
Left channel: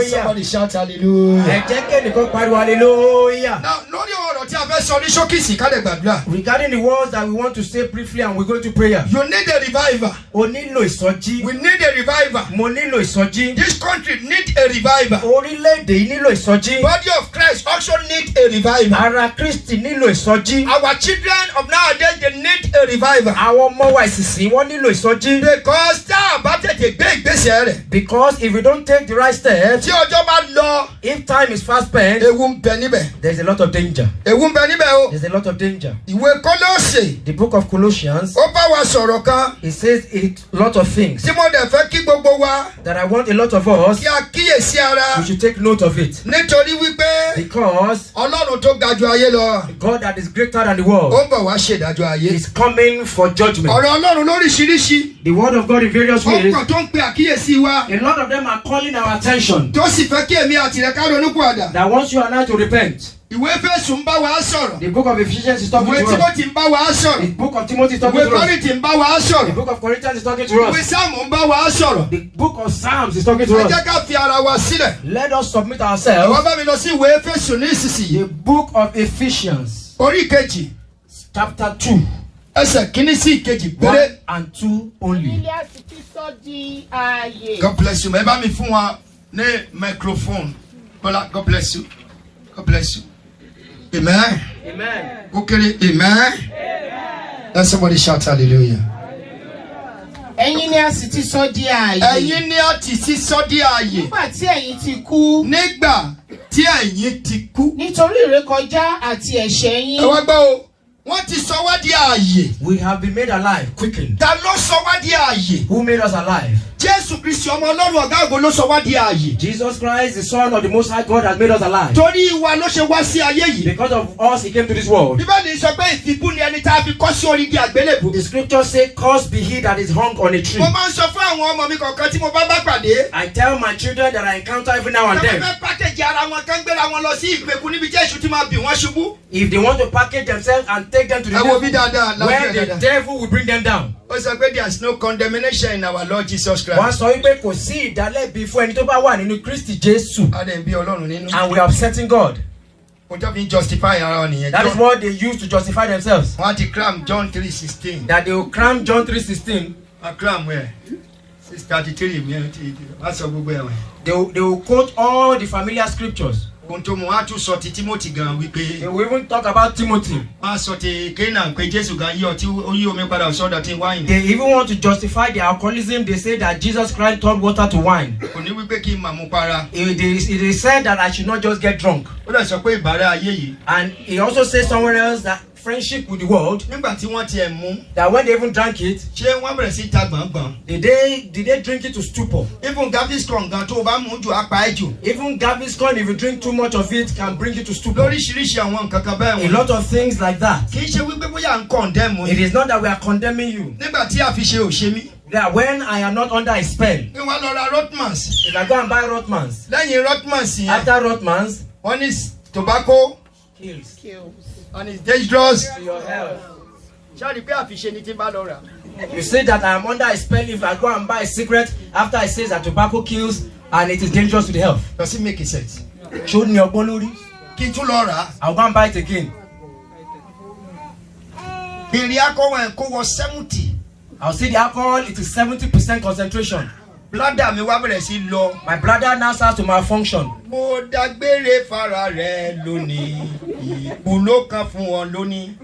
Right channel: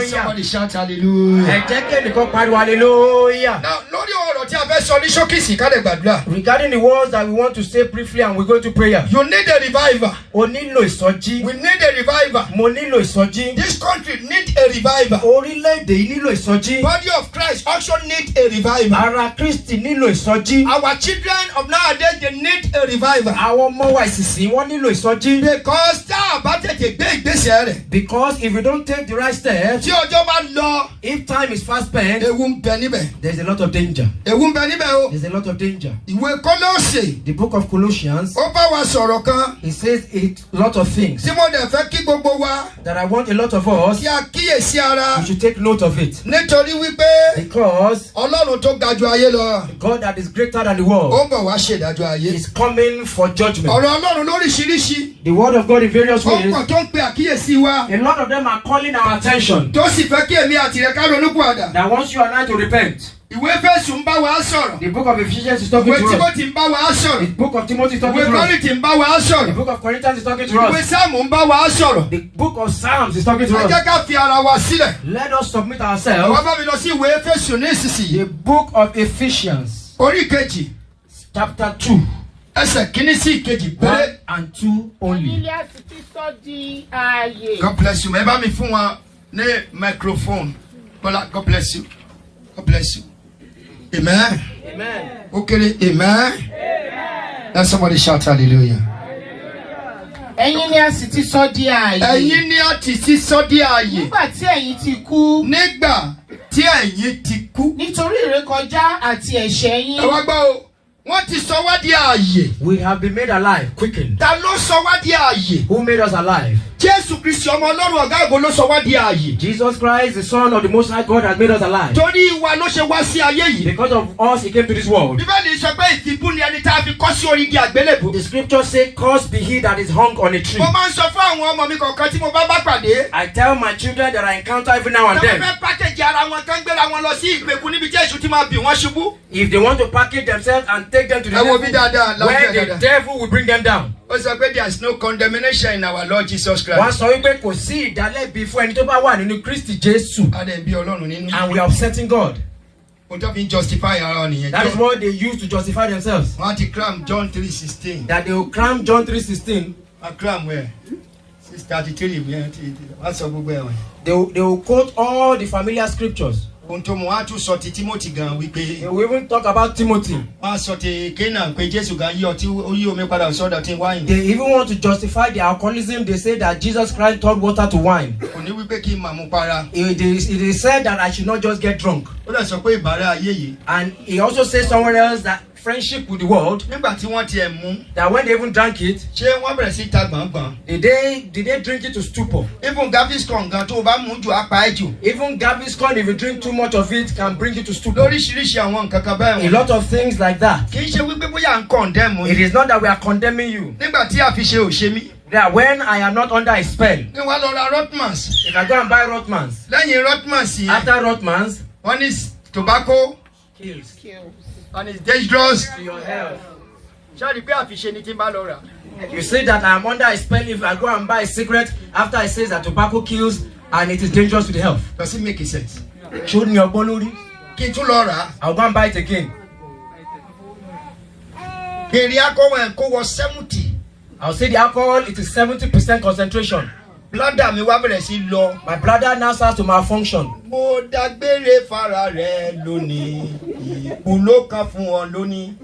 hallelujah. Somebody shout hallelujah. Ẹ jẹ́ kẹ́nìkan pariwo hallelujah. Now, lórí ọ̀rọ̀ tí a fẹ́ sọ ní ṣókìsì ká lè gbàdúrà. Regarding the words that we want to say briefly and we go to prayer. You need a revival. O nílò ìsọjí. We need a revival. Mo nílò ìsọjí. This country need a revival. Orílẹ̀-èdè yìí nílò ìsọjí. Body of Christ also need a revival. Ara Kristi nílò ìsọjí. Our children of nowadays they need a revival. Àwọn ọmọ wa ìsinsìnyí wọ́n nílò ìsọjí. Because tá a bá tètè gbé ìgbésẹ̀ rẹ̀. Because if you don't take the right steps. Tí ọjọ́ bá lọ. If time is fast spent. Ewu ń bẹ níbẹ̀. There is a lot of danger. Ewu ń bẹ níbẹ̀ o. There is a lot of danger. Ìwé Kólósè. The book of Colossians. Ó bá wa sọ̀rọ̀ kan. It says a lot of things. Tí mo dẹ̀ fẹ́ kí gbogbo wa. That I want a lot of us. Kí a kíyèsí ara. We should take note of it. Nítorí wípé. Because. Ọlọ́run tó ga ju ayé lọ. God that is greater than the world. Ó bọ̀ wá ṣèdájọ́ ayé. Is coming for judgment. Ọ̀rọ̀ Ọlọ́run lóríṣiríṣi. The word of God in various ways. Ọkàn tó ń pe àkíyèsí wa. A lot of them are calling our attention. Tó sì fẹ́ kí èmi àti rẹ̀ ká ronú pọ̀dà. That wants you and I to repent. Ìwé Éfésù ń bá wa sọ̀rọ̀. The book of Ephesians is talking to us. Ìwé Tímótì ń bá wa sọ̀rọ̀. The book of Timothy is talking to us. Ìwé Kọ́ríńtì ń bá wa sọ̀rọ̀. The book of Corinthians is talking to us. Ìwé Sáàmù ń bá wa sọ̀rọ̀. The book of Psalms is talking to Ẹ us. jẹ́ ká fi ara wa sílẹ̀. Let us submit ourselves. Wọ́n bá mi lọ sí ìwé Éfésù ní ìsinsìnyí. The book of Ephesians. Orí kejì. Chapter 2. Ẹsẹ̀ kìíní sí ìkejì péré. 1 and 2 only. God bless you. Ẹ bá mi fún wa ní microphone. God bless you. God bless you. Amen. Amen. Okay. Amen. Let somebody shout hallelujah. Ẹ̀yin ni a sì ti sọ di ààyè. Ẹ̀yin ni a ti sọ di ààyè. Nígbà tí ẹ̀yin ti kú. Nígbà tí ẹ̀yin ti kú. Nítorí ìrékọjá àti ẹ̀ṣẹ̀ yín. Ẹ wá gbọ́ o. Wọ́n ti sọ wá di ààyè. We have been made alive, quickened. Ta ló sọ wá di ààyè? Who made us alive? Jésù Kristi ọmọ Ọlọ́run ọ̀gá ògo ló sọ wá di ààyè. Jesus Christ, the Son of the Most High God, has made us alive. Torí wa ló ṣe wá sí ayé yìí. Because of us, He came to this world. Bíbélì sọ pé ìfibú ni ẹni tá a fi kọ́ sí orí igi àgbélébùú. The scripture says, "Cursed be he that is hung on a tree." Mo máa ń sọ fún àwọn ọmọ mi kọ̀ọ̀kan tí mo bá pàdé. I tell my children that I encounter every now and then. Tẹ́lẹ̀ fẹ́ pákéjì ara wọn kán gbéra wọn lọ sí ìgbèkùn níbi tí èṣù ti máa bì wọ́n ṣubú. If they want to package themselves and take them to the Ẹ wo devil, bí dáadáa, where the devil will bring them down. Ó sọ pé there is no condemnation in our Lord Jesus Christ. Wọ́n sọ wípé kò sí ìdálẹ́bi fún ẹni tó bá wà nínú Kristi Jésù. Adé ń bí Ọlọ́run nínú. And we are upsetting God. Mo jọ fi ń justify ara wọn nìyẹn. That is what they use to justify themselves. Wọ́n á ti cram John 3:16. That they will cram John 3:16. Wọ́n cram wẹ̀ 6:33 mi ẹ̀ ti wọ́n sọ gbogbo ẹ̀ wẹ̀. They will quote all the familiar scriptures. Ohun tó mú wọ́n á tún sọ ti Timothy gan wípé. They will even talk about Timothy. Wọ́n á sọ ti Canaan pé Jésù gan yí ọtí ó yí omi padà sọ́dọ̀ tí wáìnì. They even want to justify their alcoholism. They say that Jesus Christ turned water to wine. Kò ní wípé kí n máa mú para. They said that I should not just get drunk. Ó dẹ̀ sọ pé ìbára ayé yìí. And he also says somewhere else that friendship with the world. Nígbà tí wọ́n tiẹ̀ mú. That when they even drank it. Ṣé wọ́n bẹ̀rẹ̀ sí ta gbọ̀ngbọ̀n? Did they drink it to stupor? Even Gaviscon gan tó o bá mú jù á pa ẹ́ jù. Even Gaviscon, if you drink too much of it, can bring you to stupor. Lóríṣiríṣi àwọn nǹkan kan bẹ́ẹ̀ wọ̀n. A lot of things like that. Kì í ṣe wípé bóyá à ń condemn. It is not that we are condemning you. Nígbà tí àfiṣe ò ṣe mí. That when I am not under a spell. Kí wọ́n lọ ra Rothmans. If I go and buy Rothmans. Lẹ́yìn Rothmans yẹn. After Rothmans. Wọ́n ní tobacco. Kills. And it's dangerous. To your health. Ṣáàdì pé àfiṣe ni tí n bá lọ rà. You say that I am under a spell if I go and buy a cigarette after I say that tobacco kills and it is dangerous to the health. Does it make sense? Ṣó ní ọgbọ́n lórí? Kí n tún lọ rà. I will go and buy it again. Kí n rí akọ́wọ́ ẹ̀ kó wọ 70. I will say the alcohol, it is 70% concentration. Bladder mi wá bẹ̀rẹ̀ sí lọ. My bladder now starts to malfunction. Mo dágbére fara rẹ̀ lónìí, ìkú ló kàn fún ọ lónìí.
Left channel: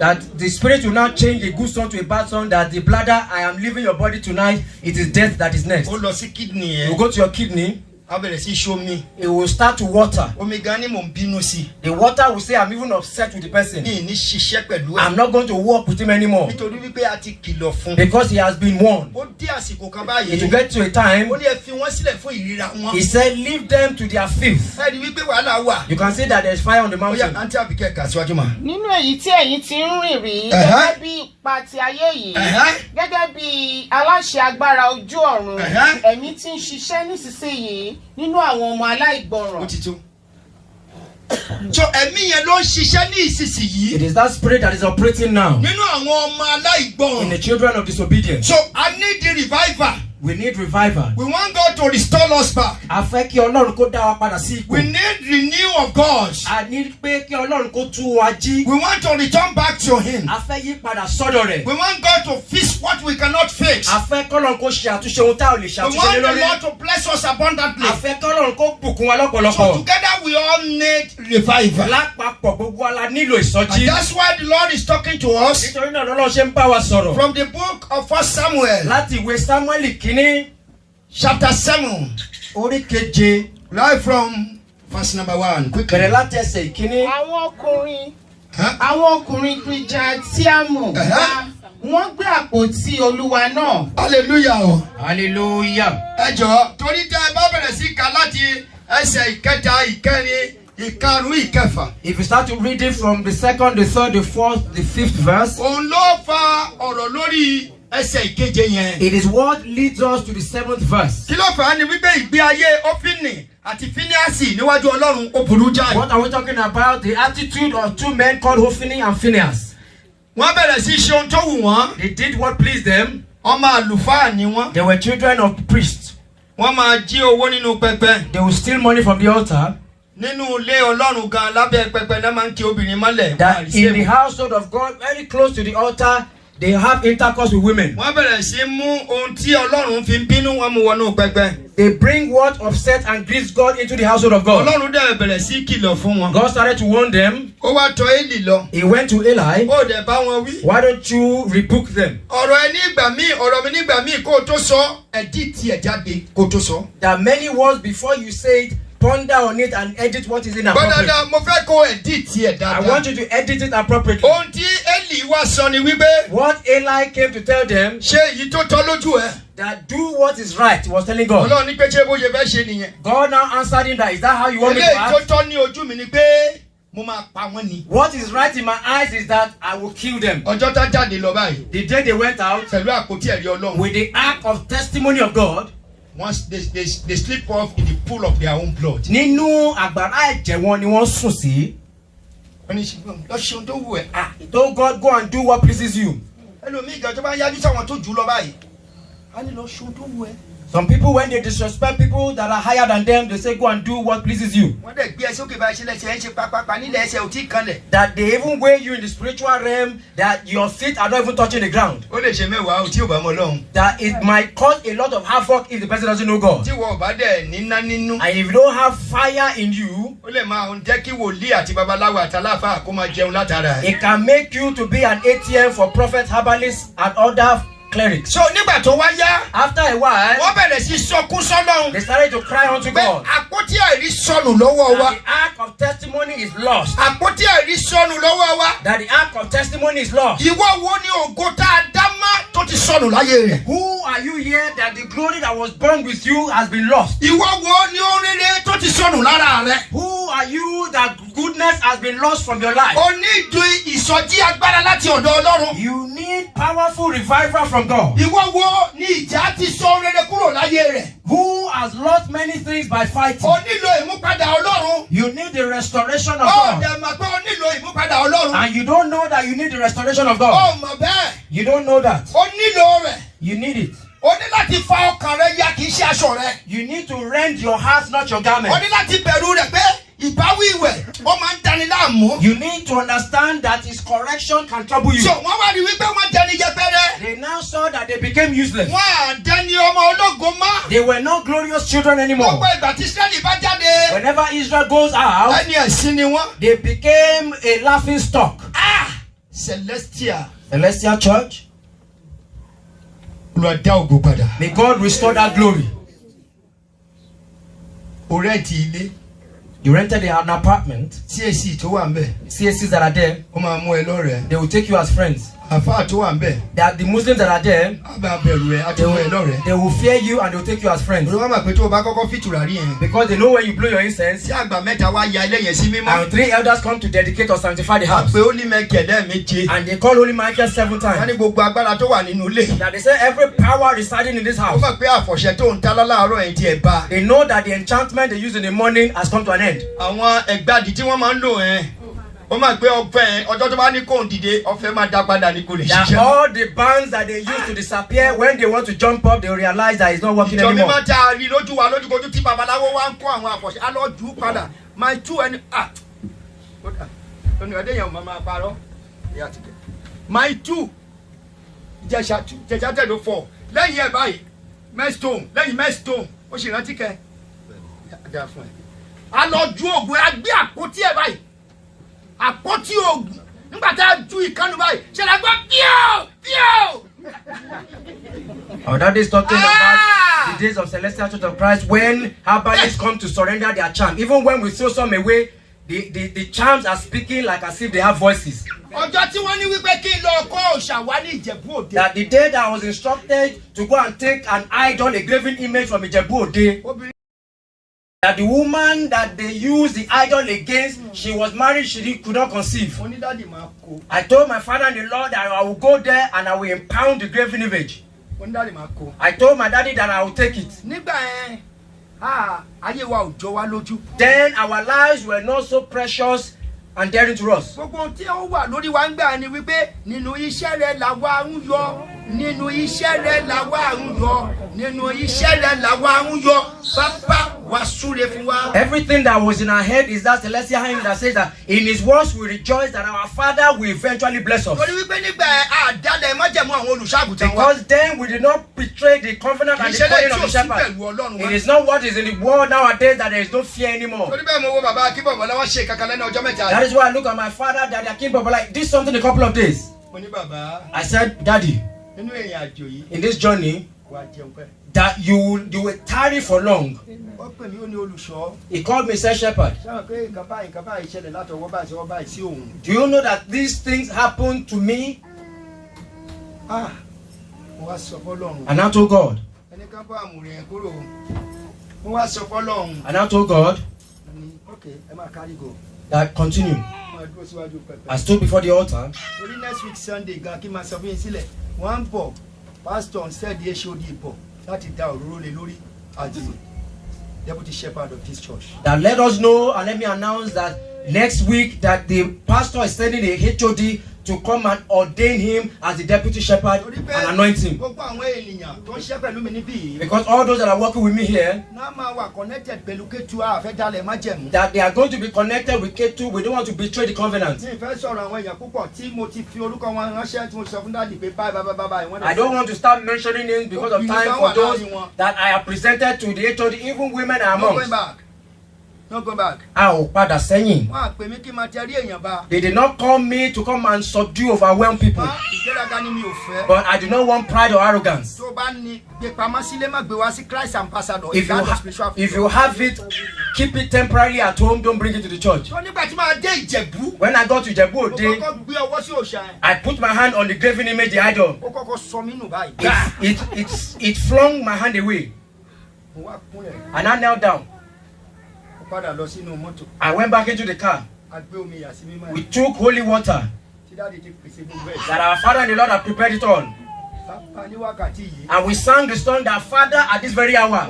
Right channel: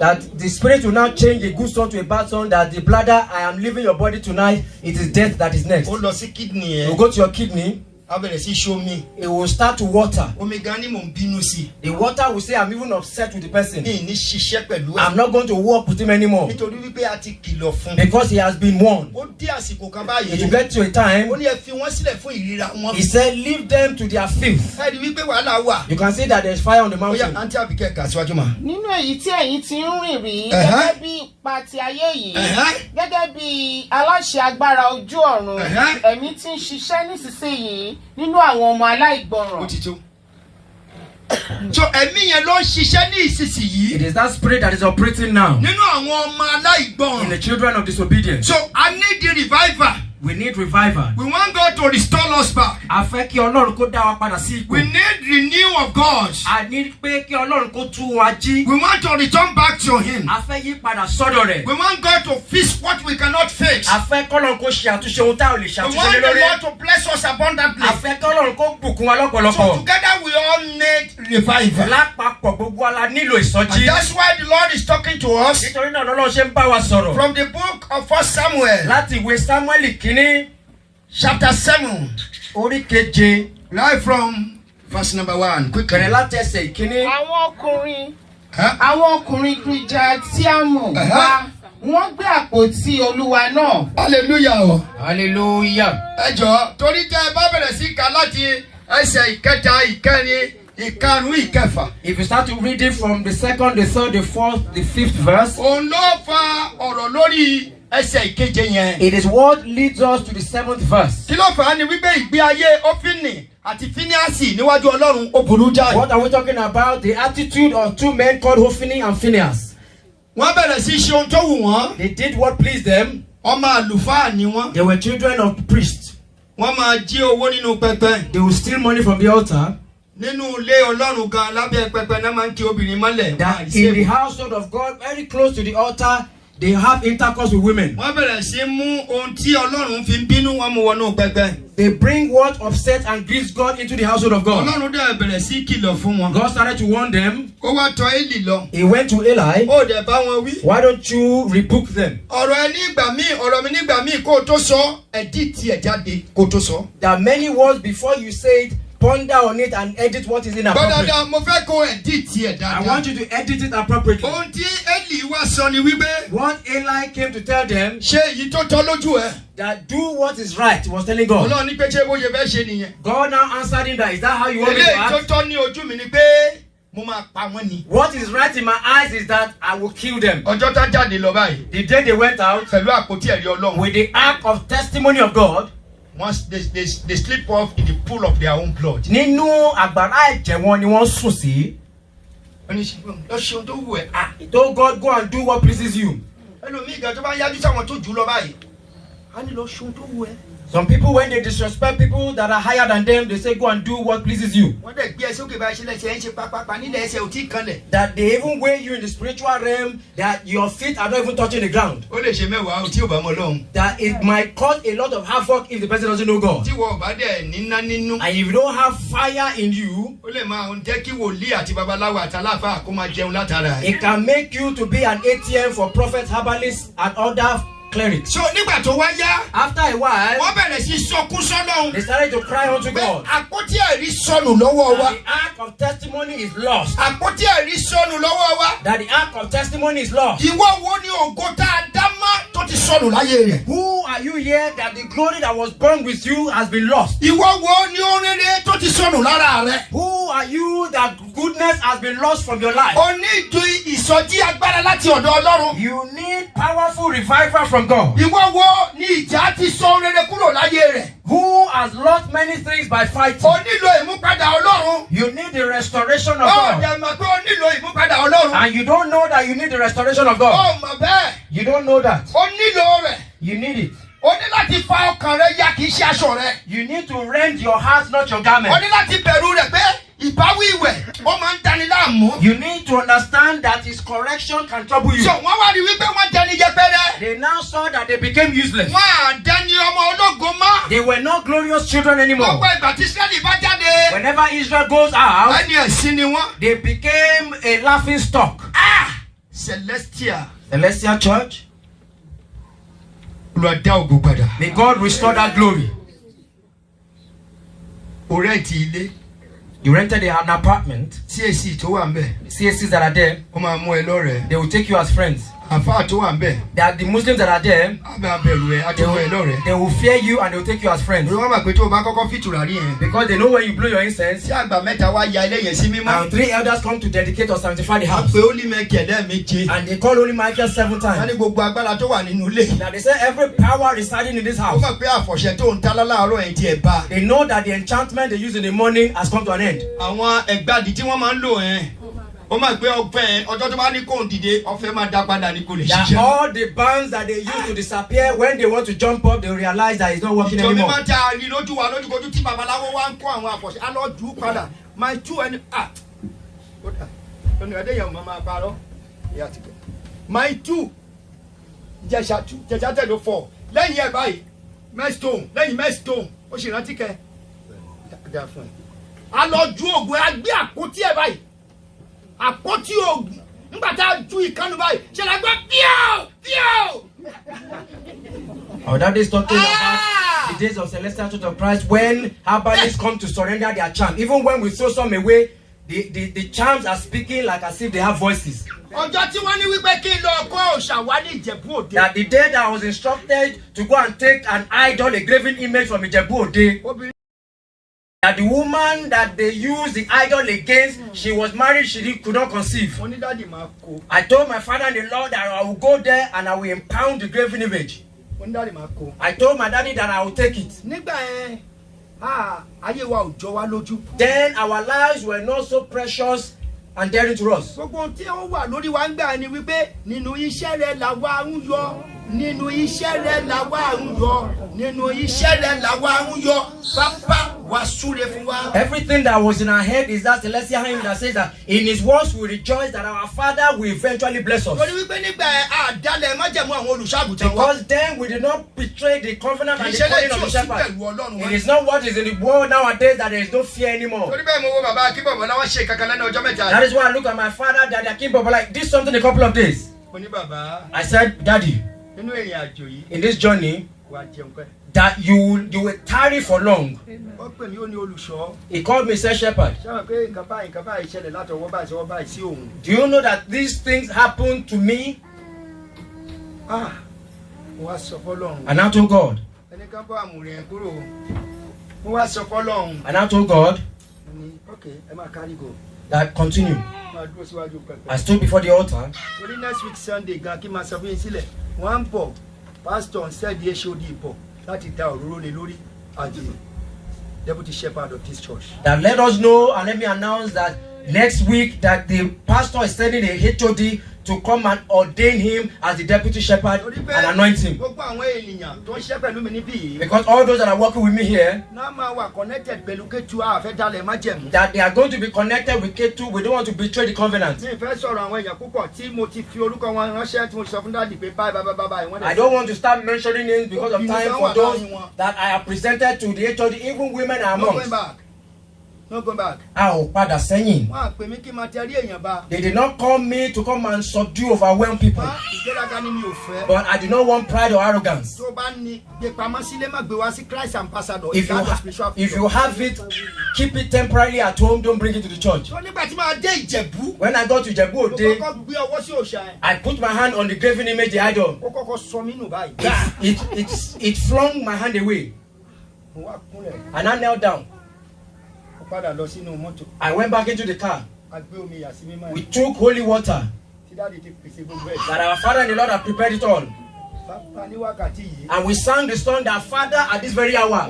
That the spirit will now change a good song to a bad song. That the bladder, I am leaving your body tonight. It is death that is next. Ó lọ sí kidney ẹ̀. You go to your kidney. A bẹ̀rẹ̀ sí ṣomi. It will start to water. Omi gan ni mò ń bínú sí. The water will say I'm even upset with the person. Mi ní ṣiṣẹ́ pẹ̀lú ẹ̀. I'm not going to work with him anymore. Nítorí wípé a ti kìlọ̀ fún. Because he has been warned. Ó dé àsìkò kan It will báyìí. get to a time. Ó ní ẹ fi wọ́n sílẹ̀ fún ìríra wọn. He said, leave them to their filth. Ẹ rí wípé wàhálà wà. You can see that there's fire on the Ó yá mountain. àǹtí Àbíkẹ́ kà síwájú mà. Nínú èyí tí ẹ̀yin ti ń rìn rí gẹ́gẹ́ bí ipa ti ayé yìí gẹ́gẹ́ bí aláṣẹ agbára ojú ọ̀run ẹ̀mí tí ń ṣiṣẹ́ nísinsìnyí nínú àwọn ọmọ aláìgbọràn. Ó ti tó. So ẹ̀mí yẹn ló ń ṣiṣẹ́ ní ìsinsìnyí. It is that spirit that is operating now Nínú àwọn ọmọ in aláìgbọràn. the children of disobedience. So I need the revival. We need revival. We want God to restore us back. A fẹ́ kí Ọlọ́run kó dá wa padà sí ipò. We need renew of God. A ní pé kí Ọlọ́run kó tú wa jí. We want to return back to Him. A fẹ́ yí padà sọ́dọ̀ rẹ̀. We want God to fix what we cannot fix. A fẹ́ kí Ọlọ́run kó ṣe àtúnṣe ohun tá ò lè ṣàtúnṣe lórí. We want the Lord to bless us abundantly. A fẹ́ kí Ọlọ́run kó bùkún wa lọ́pọ̀lọpọ̀. So together we all need revival. Lápapọ̀ gbogbo wa la nílò ìsọjí. And that's why the Lord is talking to us. Nítorí náà lọ́lọ́run ṣe ń bá wa sọ̀rọ̀. From the book of 1 Samuel. Láti ìwé Sámúẹ́lì kínní. Chapter 7. Orí keje. Right from verse number 1. Quickly. Bẹ̀rẹ̀ láti ẹsẹ̀ ìkíní. Àwọn ọkùnrin Kiriatiamu wá wọ́n gbé àpótí Olúwa náà. Hallelujah. Hallelujah. Ẹ jọ̀ọ́ torí tẹ́ ẹ bá bẹ̀rẹ̀ sí ká láti ẹsẹ̀ ìkẹta ìkẹrin ìkarùn ìkẹfà. If you start to read it from the second, the third, the fourth, the fifth verse. Òun ló fa ọ̀rọ̀ lórí ẹsẹ̀ ìkeje yẹn. It is what leads us to the seventh verse. Kí ló fà á ni wípé ìgbé ayé Ófínì àti Fíníásì níwájú Ọlọ́run ó burú jáì. What are we talking about? The attitude of two men called Hophni and Phinehas. Wọ́n bẹ̀rẹ̀ sí ṣe ohun tó wù wọ́n. They did what pleased them. Ọmọ àlùfáà ni wọ́n. They were children of priests. Wọ́n máa jí owó nínú pẹpẹ. They will steal money from the altar. Nínú ilé Ọlọ́run gan lábẹ́ pẹpẹ náà máa ń kí obìnrin mọ́lẹ̀. That in the household of God, very close to the altar, they have intercourse with women. Wọ́n bẹ̀rẹ̀ sí mú ohun tí Ọlọ́run fi ń bínú wọn mú wọnú pẹpẹ. They bring what upsets and grieves God into the household of God. Ọlọ́run dẹ̀ bẹ̀rẹ̀ sí kìlọ̀ fún wọn. God started to warn them. Ó wá tọ̀ Élì lọ. He went to Eli. Ó dẹ̀ bá wọn wí. Why don't you rebuke them? Ọ̀rọ̀ ẹ nígbà míì, ọ̀rọ̀ mi nígbà míì kó o tó sọ, ẹ̀dí tiẹ̀ jáde kó o tó sọ. There are many words before you say it. Ponder on it and edit what is inappropriate. Bọ́dàdà mo fẹ́ kó ẹ̀dí tiẹ̀ dáadáa. I want you to edit it appropriately. Ohun tí Élì wá sọ ni wípé. What Eli came to tell them. Ṣé èyí tó tọ́ lójú ẹ? That do what is right. He was telling God. Ọlọ́run ní pé ṣé bó ṣe fẹ́ ṣe nìyẹn. God now answered him that is that how you want me to Eléyìí act? tó tọ́ ní ojú mi ni pé mo máa pa wọ́n ni. What is right in my eyes is that I will kill them. Ọjọ́ tá jáde lọ báyìí. The day they went out Pẹ̀lú àpótí ẹ̀rí Ọlọ́run. with the ark of testimony of God. Once they slip off in the pool of their own blood. Nínú àgbàrá ẹ̀jẹ̀ wọn ni wọ́n sùn sí. Wọ́n ní lọ ṣe ohun tó wù ẹ́. He told God, go and do what pleases you. Ẹlòmíì gan tó bá yájú sáwọn tó jù lọ báyìí. A ní lọ ṣe ohun tó wù ẹ́. Some people, when they disrespect people that are higher than them, they say, go and do what pleases you. Wọ́n dẹ̀ gbé ẹsẹ̀ òkè bá ṣe lẹ́sẹ̀ ẹ̀ ń ṣe pápápá nílẹ̀ ẹsẹ̀ ò tí ì kanlẹ̀. That they even weigh you in the spiritual realm, that your feet are not even touching the ground. Ó lè ṣe mẹ́wàá tí ò bá mọ Ọlọ́run. That it might cause a lot of havoc if the person doesn't know God. Tí wọ́n bá dẹ̀ níná nínú. And if you don't have fire in you, Ó lè máa jẹ́ kí wòlíì àti babaláwo àtàláfà kó máa jẹun látara ẹ̀. it can make you to be an ATM for prophets, herbalists, and other clerics. So nígbà tó wá yá. After a while, wọ́n bẹ̀rẹ̀ sí sọkún sọ́lọ́run. they started to cry unto God. Àpótí ẹ̀rí sọnù lọ́wọ́ wa. That the ark of testimony is lost. Àpótí ẹ̀rí sọnù lọ́wọ́ wa. That the ark of testimony is lost. Ìwọ wo ni ògo tá a dá mọ́ tó ti sọnù láyé rẹ̀? Who are you here that the glory that was born with you has been lost? Ìwọ wo ni oríire tó ti sọnù lára rẹ̀? Who are you that goodness has been lost from your life? O ní ìdú ìsọjí agbára láti ọ̀dọ̀ Ọlọ́run. You need powerful revival from God. Ìwọ wo ni ìjà ti sọ rere kúrò láyé rẹ̀? Who has lost many things by fighting? O nílò ìmúpadà Ọlọ́run. You need the restoration of Ó God. dẹ̀ mọ̀ pé o nílò ìmúpadà Ọlọ́run. And you don't know that you need the restoration of Ó God. mọ̀ bẹ́ẹ̀. You don't know that. O nílò rẹ̀. You need it. O ní láti fa ọkàn rẹ ya kì í ṣe aṣọ rẹ. You need to rend your heart, not your O garment. ní láti bẹ̀rù rẹ̀ pé ìbáwí ìwẹ̀ ó máa ń dani láàmú. You need to understand that his correction can trouble you. So wọ́n wá rí wípé wọ́n dẹni yẹpẹrẹ. They now saw that they became useless. Wọ́n á dẹni ọmọ ológo mọ́. They were not glorious children anymore. Gbogbo ìgbà tí Ísírẹ́lì bá jáde. Whenever Israel goes out, Ẹni ẹ̀sìn ni wọ́n. they became a laughing stock. Celestial. Celestial Church, Lọ dá ògo padà. may God restore that glory. O rẹ́ǹtì ilé. You rented an apartment, CAC tó wà ń bẹ̀. CACs that are there, Ó máa mú ẹ lọ́rẹ̀ẹ́. they will take you as friends. Àfáà tó wà ń bẹ̀. That the Muslims that are there, Á bá bẹ̀rù ẹ, á tó mú ẹ lọ́rẹ̀ẹ́. they will fear you and they will take you as friends. Olú wọn mọ̀ pé tó o bá kọ́kọ́ fìtùràrí yẹn. Because they know when you blow your incense, Tí àgbà mẹ́ta wá ya ilé yẹn sí mímọ́. and 3 elders come to dedicate or sanctify the house. Pé ó ní mẹ́kẹ̀ẹ́dẹ́ méje. And they call Holy Michael 7 Wọ́n times. ní gbogbo agbára tó wà nínú ilé. Now they say every power residing in this Ó house, mọ̀ pé àfọ̀ṣẹ tó ń ta láàárọ̀ ẹ̀ tí ẹ bá. they know that the enchantment they use in the morning has come to an end. Àwọn ẹ̀gbádìí tí wọ́n máa ń lò ẹ̀. That all the bands that they used to disappear, when they want to jump up, they realize that it's not working anymore. My two and my two jẹjẹ 4 lẹ́yìn ẹ̀ báyìí mẹ́stone lẹ́yìn mẹ́stone ó sì rántí kẹ́ dá fún ẹ a lọ ju oògùn ẹ gbé àpótí ẹ báyìí àpótí oògùn nígbà tá a ju ìkànnì báyìí ṣe la gbọ́ píò. Our daddy is talking about the days of Celestial Church of Christ when herbalists come to surrender their charm. Even when we throw some away, the charms are speaking like as if they have voices. Ọjọ́ tí wọ́n ní wípé kí n lọ kọ́ òòṣà wá ní Ìjẹ̀bú Òde. That the day that I was instructed to go and take an idol, a graven image from Ìjẹ̀bú Òde. That the woman that they used the idol against, she was married, she could not conceive. I told my father-in-law that I will go there and I will impound the graven image. I told my daddy that I will take it. Then our lives were not so precious and dear to us. Everything that was in our head is that celestial hymn that says that in his words we rejoice that our Father will eventually bless us. Because then we did not betray the covenant and the calling of the shepherd. It is not what is in the world nowadays that there is no fear anymore. That is why I look at my father, Daddy Akinbobo, like this something a couple of days. I said, Daddy, in this journey, that you will tarry for long. He called me, said Shepherd. Do you know that these things happen to me? And I told God. And I told God that continue. I stood before the altar. Next week Sunday, one Bob, Pastor said the HOD that is down rolling lori as the deputy shepherd of this church. That let us know and let me announce that next week that the pastor is sending the HOD to come and ordain him as the deputy shepherd and anoint him. Because all those that are working with me here, that they are going to be connected with K2, we don't want to betray the covenant. I don't want to start mentioning names because of time for those that I have presented to the HOD, even women are amongst. Not going back. They did not call me to come and subdue overwhelmed people. But I do not want pride or arrogance. If you have it, keep it temporarily at home, don't bring it to the church. When I got to Ìjẹ̀bú Òde, I put my hand on the graven image, the idol. It flung my hand away. And I knelt down. I went back into the car. We took holy water that our Father and the Lord have prepared it all. And we sang the song that Father at this very hour.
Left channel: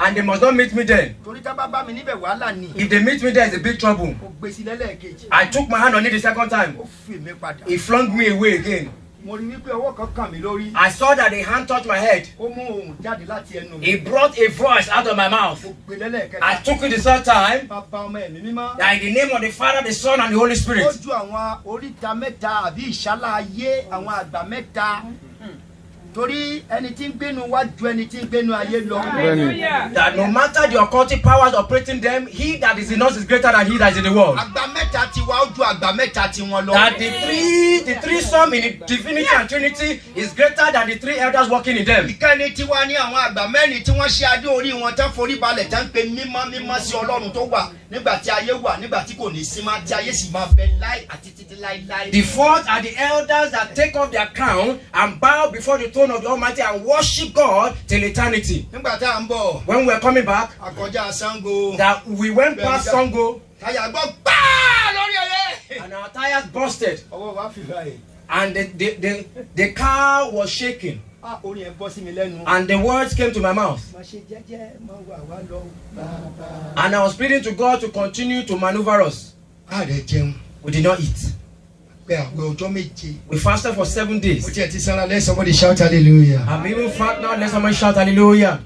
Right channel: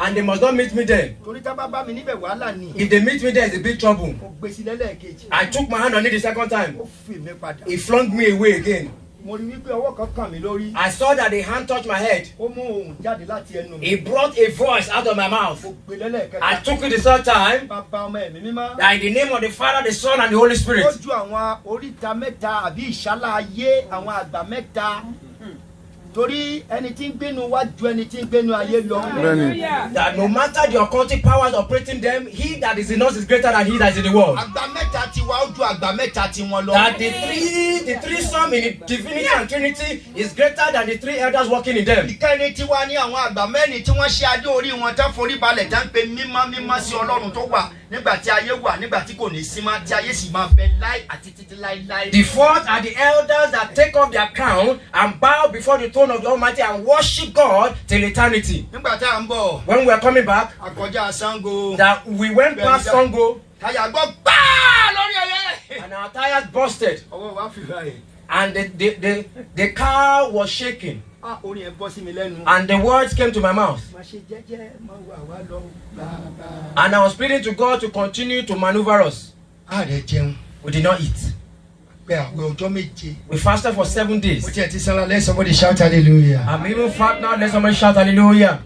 And they must not meet me there. If they meet me there, it's a big trouble. I took my hand on it the second time. He flung me away again. I saw that the hand touched my head. He brought a voice out of my mouth. I took it the third time. That in the name of the Father, the Son, and the Holy Spirit. That no matter the occultic powers operating them, he that is in us is greater than he that is in the world. That the three sum in the divinity and Trinity is greater than the three elders working in them. The fourth are the elders that take off their crown and bow before the throne of the Almighty and worship God till eternity. When we were coming back, that we went past Sango, and our tires busted, and the car was shaking. And the words came to my mouth. And I was pleading to God to continue to maneuver us. We did not eat. We fasted for 7 days. Let somebody shout hallelujah. I'm even fat now. Let somebody shout hallelujah.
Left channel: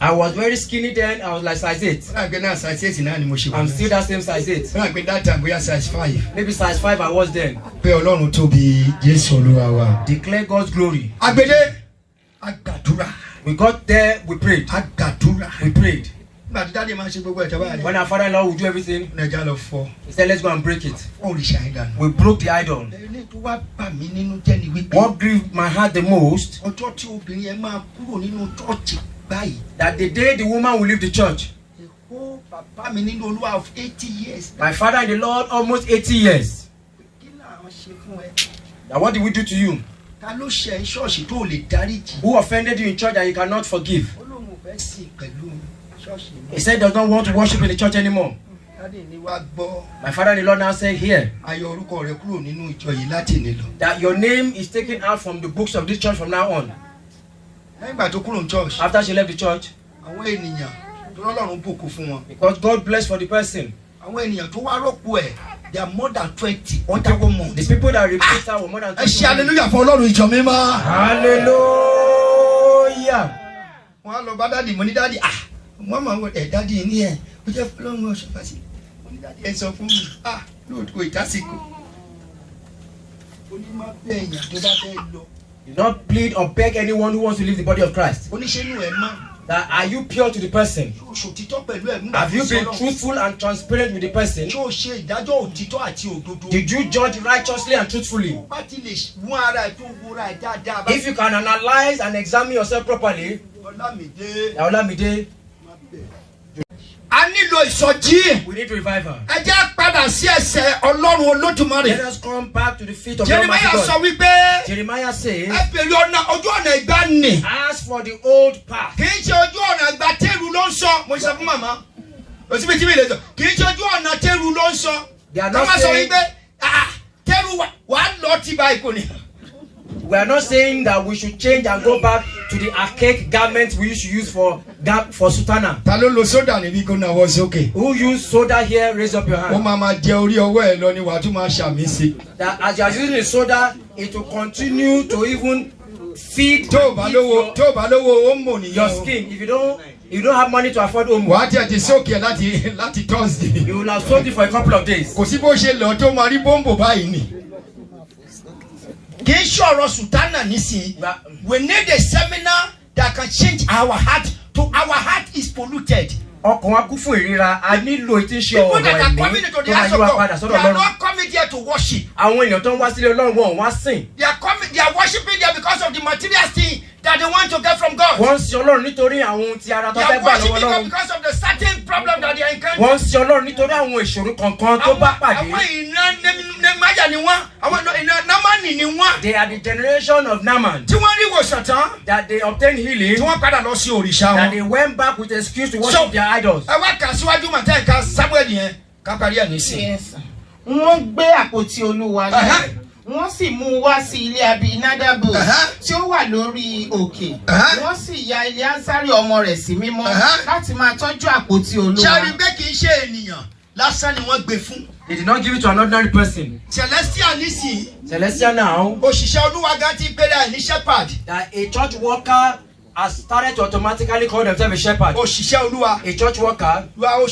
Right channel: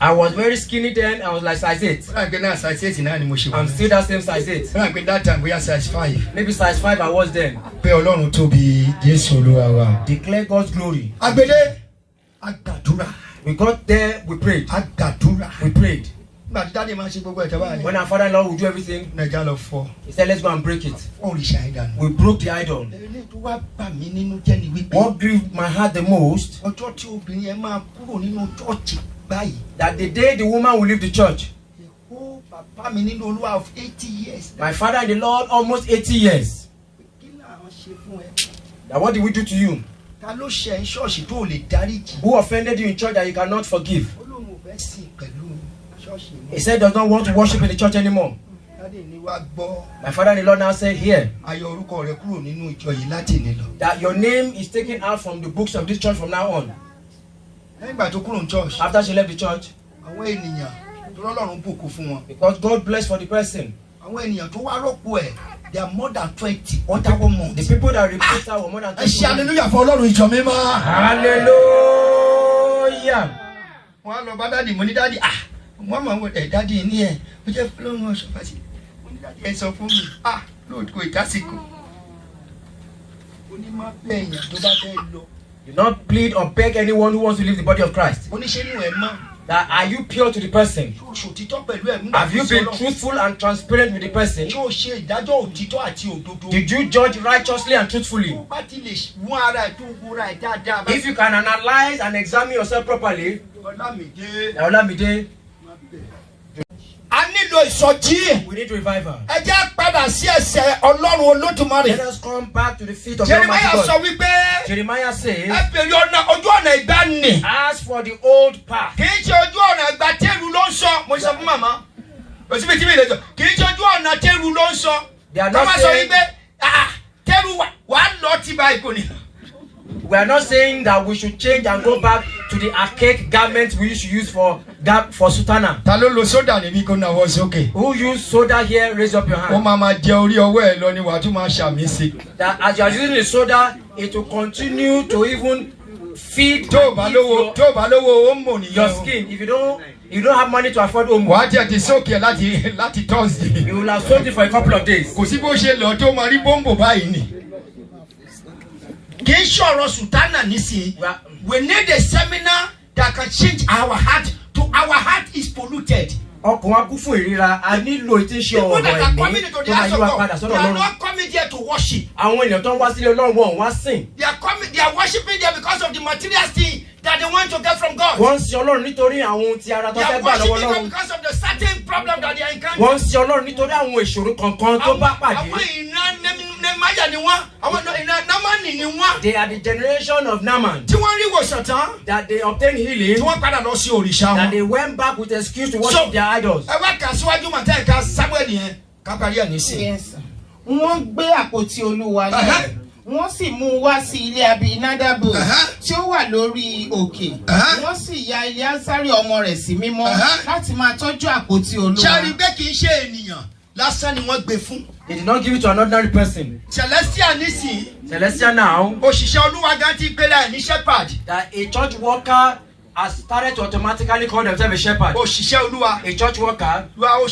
I was very skinny then. I was like size 8. I'm still that same size 8. That time we are size 5. Maybe size 5 I was then. Declare God's glory. We got there, we prayed. We prayed. When our father-in-law would do everything, he said, let's go and break it. We broke the idol. What grieved my heart the most, that the day the woman will leave the church. My father in the Lord, almost 80 years. Now what did we do to you? Who offended you in church that you cannot forgive? He said does not want to worship in the church anymore. My father in the Lord now said here that your name is taken out from the books of this church from now on. After she left the church, because God blessed for the person. There are more than 20. The people that replaced her were more than 20. Hallelujah for Lord with your Hallelujah. Mama wo daddy in here. We just flow mo so fast. Daddy e sọ fún mi. Lord ko itasiko. Oni ma be eyan tó bá fẹ́ lọ. Do not plead or beg anyone who wants to leave the body of Christ. Oni ṣe nu e ma. That are you pure to the person? Have you been truthful and transparent with the person? Did you judge righteously and truthfully? If you can analyze and examine yourself properly, we need revival. Let us come back to the feet of Almighty God. Jeremiah says, ask for the old path. They are not saying, we are not saying that we should change and go back to the archaic garments we used to use for sutana. Who used soda here? Raise up your hand. That as you are using the soda, it will continue to even feed your skin. If you don't have money to afford omo, you will have sold it for a couple of days. We need a seminar that can change our heart to our heart is polluted. People that are not coming here to worship. They are worshiping there because of the material thing that they want to get from God. They are worshiping God because of the certain problem that they are encountering. They are the generation of Naaman that they obtained healing, that they went back with excuse to worship their idols. Yes. Wọ́n gbé àpótí Olúwa lọ. Wọ́n sì mú wá sí ilé Abinadabu tí ó wà lórí òkè. Wọ́n sì ya Eleasari ọmọ rẹ̀ sí mímọ́ láti máa tọ́jú àpótí Olúwa. They did not give it to an ordinary person. Celestial now, that a church worker has started to automatically call themselves a shepherd. A church worker. You are a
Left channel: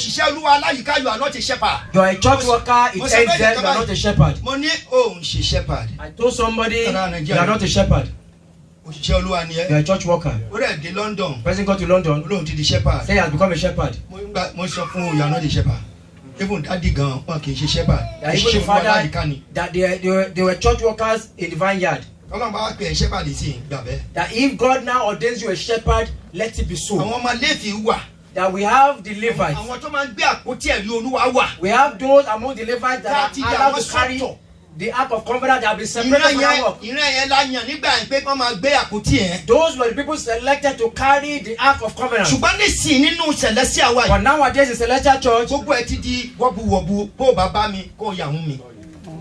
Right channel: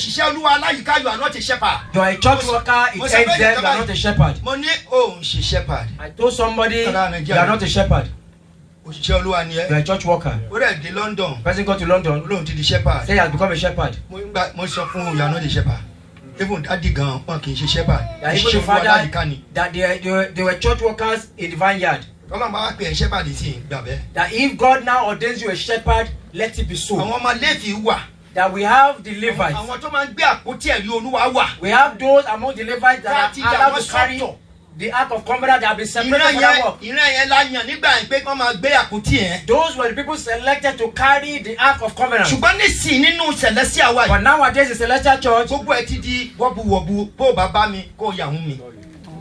not a shepherd. You are a church worker, it ends there, you are not a shepherd. I told somebody, you are not a shepherd. You are a church worker. Person go to London, say he has become a shepherd. You are not a shepherd. Even daddy gan, shepherd. Even the father, that they were church workers in the vineyard. That if God now ordains you a shepherd, let it be so. That we have the Levites. We have those among the Levites that are allowed to carry the Ark of Covenant that have been separated from that work. Those were the people selected to carry the Ark of Covenant. But nowadays in Celestial Church,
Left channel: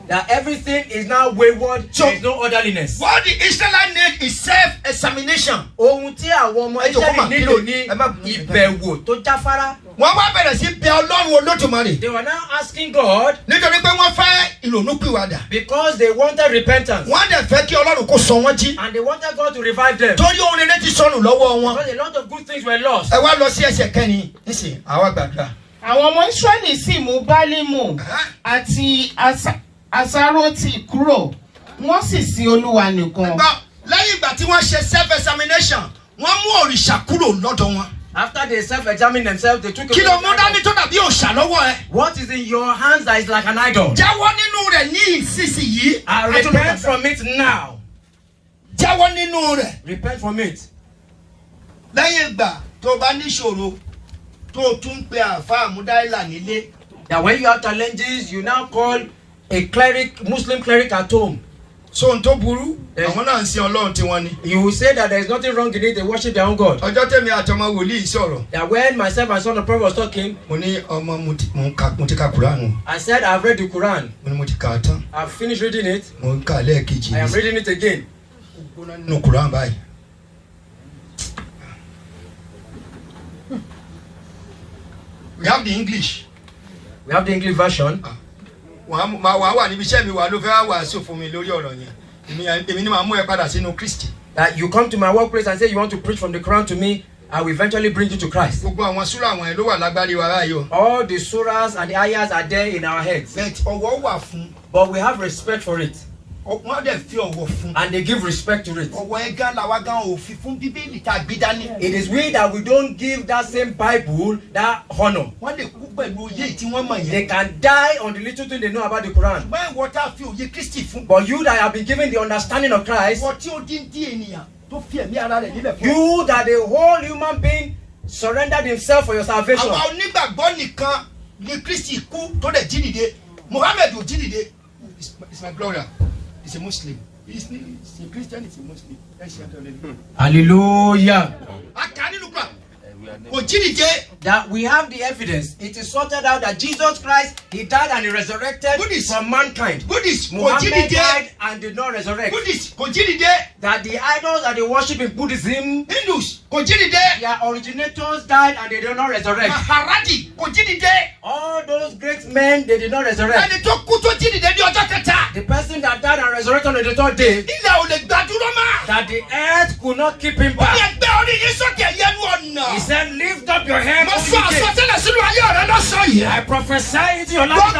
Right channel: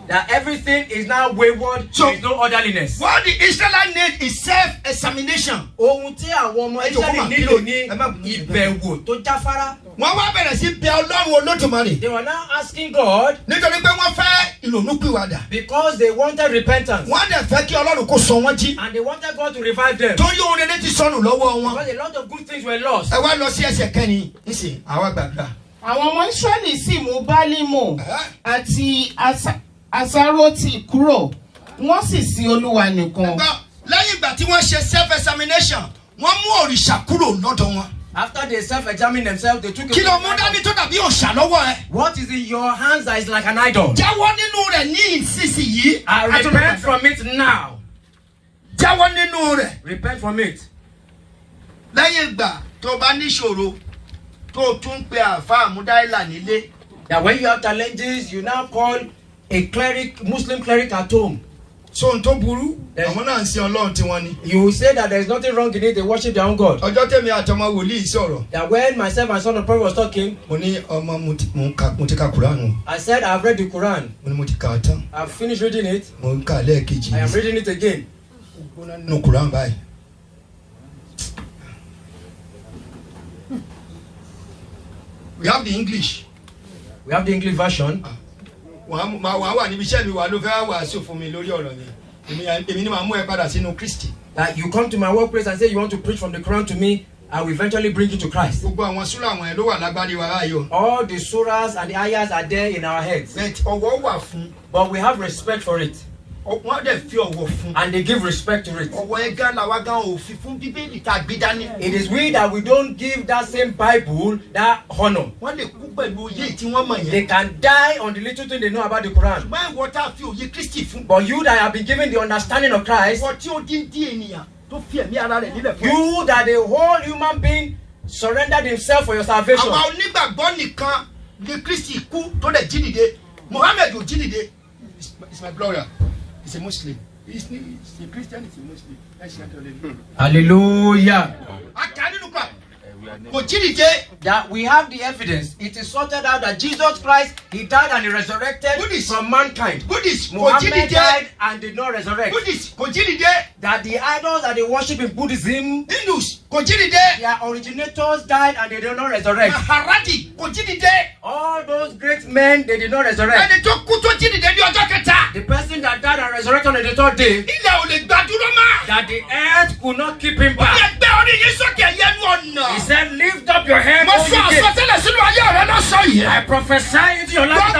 That everything is now wayward. So there is no orderliness. What the Israelites need is self-examination. Ohun tí àwọn ọmọ Israẹli nílò ní ìbẹ̀wò tó jáfárá. Wọ́n wá bẹ̀rẹ̀ sí bẹ̀ Ọlọ́run Olódùmarè. They were now asking God. Nítorí pé wọ́n fẹ́ ìrònúpìwàdà. Because they wanted repentance. Wọ́n dẹ̀ fẹ́ kí Ọlọ́run kó sọ wọ́n jí. And they wanted God to revive them. Torí ohun rere ti sọnù lọ́wọ́ wọn. Because a lot of good things were lost. Ẹ wá lọ sí ẹsẹ̀ kẹrin nísìnyí àwa gbàgbà. Àwọn ọmọ Ísírẹ́lì sì mú Bálímù àti Asáròtì kúrò, wọ́n sì sin Olúwa nìkan. Lẹ́yìn ìgbà tí wọ́n ṣe self-examination, wọ́n mú òrìṣà kúrò lọ́dọ̀ wọn. After they self-examined themselves, they took kí ló mú dání tó dàbí òòṣà lọ́wọ́ ẹ. What is in your hands that is like an idol? Jáwọ́ nínú rẹ̀ ní ìsinsìnyí. I repent from it now. Jáwọ́ nínú rẹ̀. Repent from it. Lẹ́yìn ìgbà tó bá níṣòro tó tún pe àáfàá Múdáìlà nílé. That when you have challenges, you now call a cleric, Muslim cleric at home. So n tó burú, àwọn náà ń sin Ọlọ́run tí wọ́n ní. You will say that there is nothing wrong in it, they worship their own God. Ọjọ́ tèmi àtọmọ wòlíì sọ̀rọ̀. That when myself and son of prophet was talking, mo ní ọmọ mo ti ka Quran. I said I have read the Quran. Mo ní mo ti kà á tán. I have finished reading it. Mo ń kà á lẹ́ẹ̀kejì. I am reading it again. Nínú Quran báyìí. We have the English. We have the English version. Wàá wà níbi iṣẹ́ mi wà ló fẹ́ wàásù fún mi lórí ọ̀rọ̀ yẹn. Èmi ni màá mú ẹ padà sínú Kristi. That you come to my workplace and say you want to preach from the Quran to me, I will eventually bring you to Christ. Gbogbo àwọn súrà àwọn ẹ̀ ló wà lágbárí wa báyìí o. All the surahs and the ayahs are there in our heads. Ọwọ́ wà fún. But we have respect for it. Wọ́n dẹ̀ fi ọwọ́ fún. And they give respect to it. Ọwọ́ ẹ̀gá làwa gan òfin fún Bíbélì tá a gbé dání. It is we that we don't give that same Bible that honor. Wọ́n lè kú pẹ̀lú oyè tí wọ́n mọ̀ yẹn. They can die on the little thing they know about the Quran. Ṣùgbọ́n ìwọ tá a fi òye Kristi fún. But you that have been given the understanding of Christ. Ìwọ tí ó dín ènìyàn tó fi ẹ̀mí ara rẹ̀ nílẹ̀ fún. You that the whole human being surrendered himself for your salvation. Àwa onígbàgbọ́ nìkan ni Kristi kú tó lè jí dìde. Muhammad ò jí dìde. It's my brother. He's a Muslim. He's a Christian, he's a Muslim. Hallelujah. That we have the evidence. It is sorted out that Jesus Christ, he died and he resurrected from mankind. Muhammad died and did not resurrect. That the idols that they worship in Buddhism, Hindus, their originators died and they did not resurrect. All those great men, they did not resurrect. The person that died and resurrected on the third day, that the earth could not keep him back. He said, lift up your head, I prophesy into your life.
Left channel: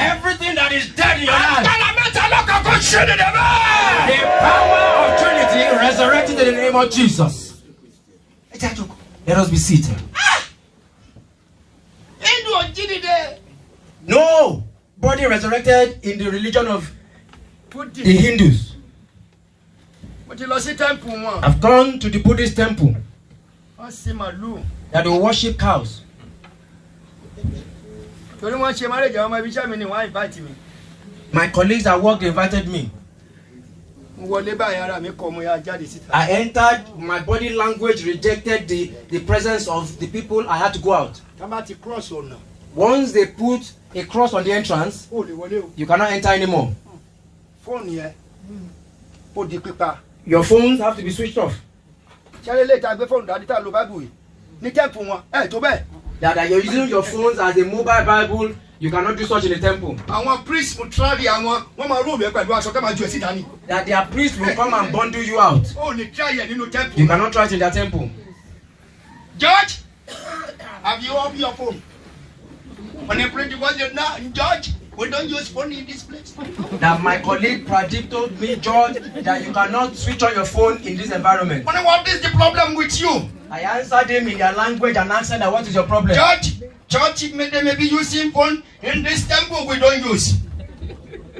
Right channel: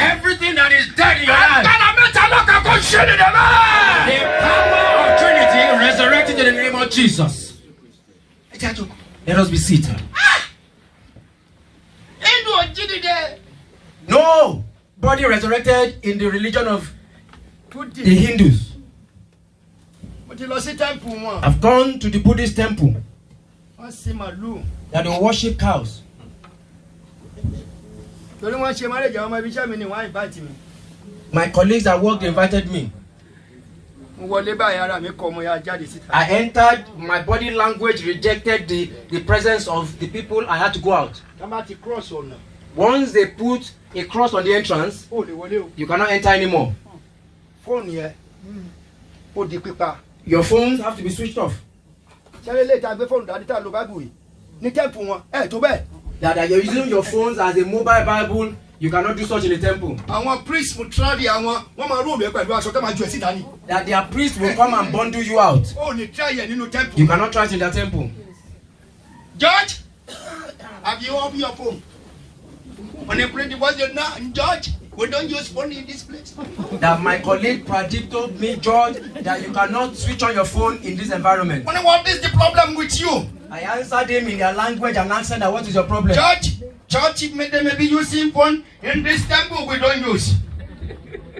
Everything that is dead in your life, the power of Trinity resurrected in the name of Jesus. Let us be seated. No body resurrected in the religion of the Hindus. I've gone to the Buddhist temple that they worship cows. My colleagues at work invited me. I entered, my body language rejected the presence of the people. I had to go out. Once they put a cross on the entrance, you cannot enter anymore. Your phones have to be switched off. That you're using your phones as a mobile Bible, you cannot do such in the temple. That their priests will come and bundle you out. You cannot try it in their temple. George, have you opened your phone? When I pray the word, George, we don't use phone in this place. That my colleague Pradeep told me, George, that you cannot switch on your phone in this environment. What is the problem with you? I answered him in their language and asked that what is your problem? George, they may be using phone in this temple we don't use.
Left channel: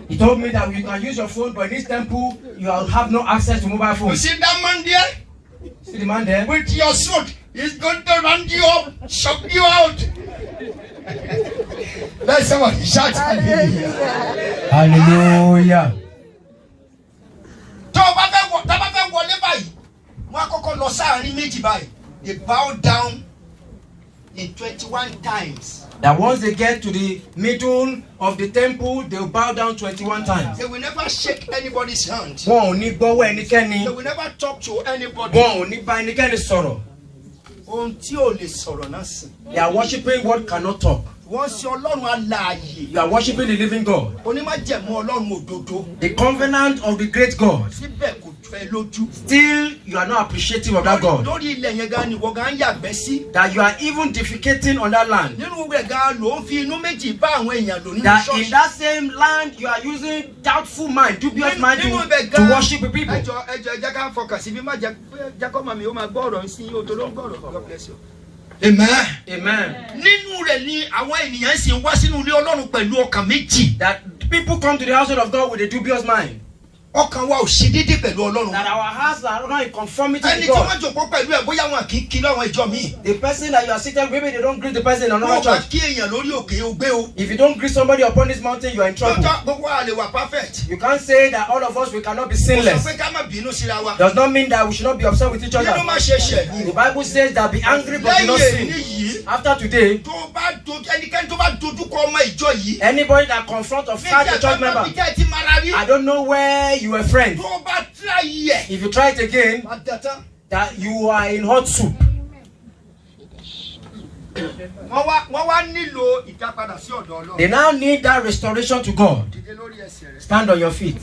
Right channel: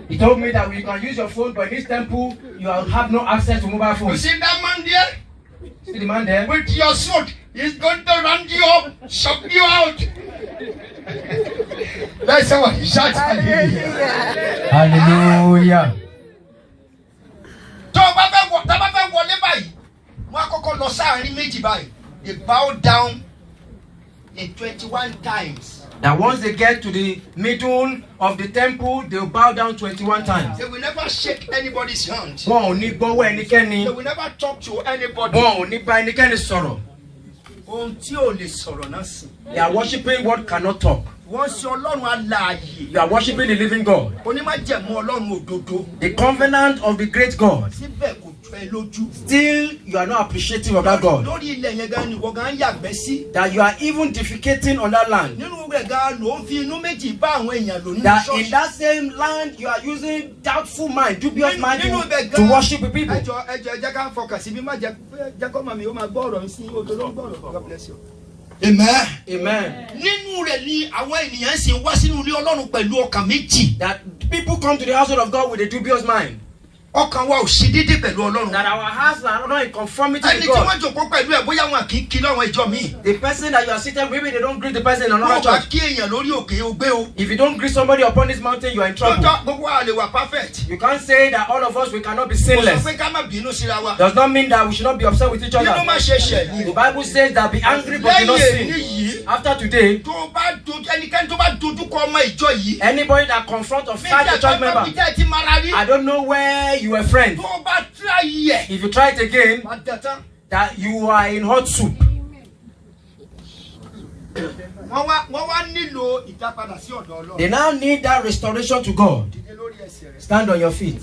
He told me that you can use your phone, but in this temple you have no access to mobile phones. You see that man there? See the man there? With your suit, he's going to run you up, shove you out. Let somebody shout hallelujah. Hallelujah. They bow down in 21 times. That once they get to the middle of the temple, they will bow down 21 times. They will never shake anybody's hand. Wọn ò ní gbọ́wọ́ ẹnikẹ́ni. They will never talk to anybody. Wọn ò ní bá ẹnikẹ́ni sọ̀rọ̀. Ohun tí ò lè sọ̀rọ̀ náà sí. They are worshiping what cannot talk. Wọ́n ṣe Ọlọ́run alààyè. You are worshiping the living God. Onímájẹ̀mú Ọlọ́run òdodo. The covenant of the great God. Síbẹ̀ kò fẹ́ lójú. Still, you are not appreciative of that God. Lórí ilẹ̀ yẹn gan ni wọ́n gan yàgbẹ́ sí. That you are even defecating on that land. Nínú rẹ̀ gan ló ń fi inú méjì bá àwọn èèyàn lò nínú That ṣọ́ọ̀ṣì. in that same land you are using doubtful mind, dubious mind to worship the people. Ẹjọ́ ẹjẹ́ ká fọkàn síbi má jẹ́ kọ́mọ mi ó máa gbọ́ ọ̀rọ̀ sí o tó ló ń gbọ́ ọ̀rọ̀. God bless you. Amen. Amen. Nínú rẹ̀ ni àwọn ènìyàn sì ń wá sínú ilé Ọlọ́run pẹ̀lú ọkàn méjì. That people come to the household of God with a dubious mind. Ọkàn wa ò ṣe déédéé pẹ̀lú Ọlọ́run. That our hearts are not in conformity with God. Ẹni tí wọ́n jòkó pẹ̀lú ẹ̀ bóyá wọn kì í kí lọ́wọ́ ìjọ mi. The person that you are seated with, maybe they don't greet the person in another church. Wọ́n bá kí èèyàn lórí òkè ogbé o. If you don't greet somebody upon this mountain, you are in trouble. Lọ́jọ́ gbogbo wa lè wà perfect. You can't say that all of us we cannot be sinless. Kò sọ pé ká má bínú síra wa. Does not mean that we should not be upset with each other. Nínú má ṣe ṣẹ̀. The Bible says that be angry but do not sin. After today, tó bá dojú ẹnikẹ́ni tó bá dojú kọ ọmọ ìjọ yìí. Anybody that confront or fight a church member, I don't know where you were friends. Tó bá try yẹ. If you try it again, that you are in hot soup. Wọ́n wá nílò ìdápadà sí ọ̀dọ̀ Ọlọ́run. They now need that restoration to God. Stand on your feet.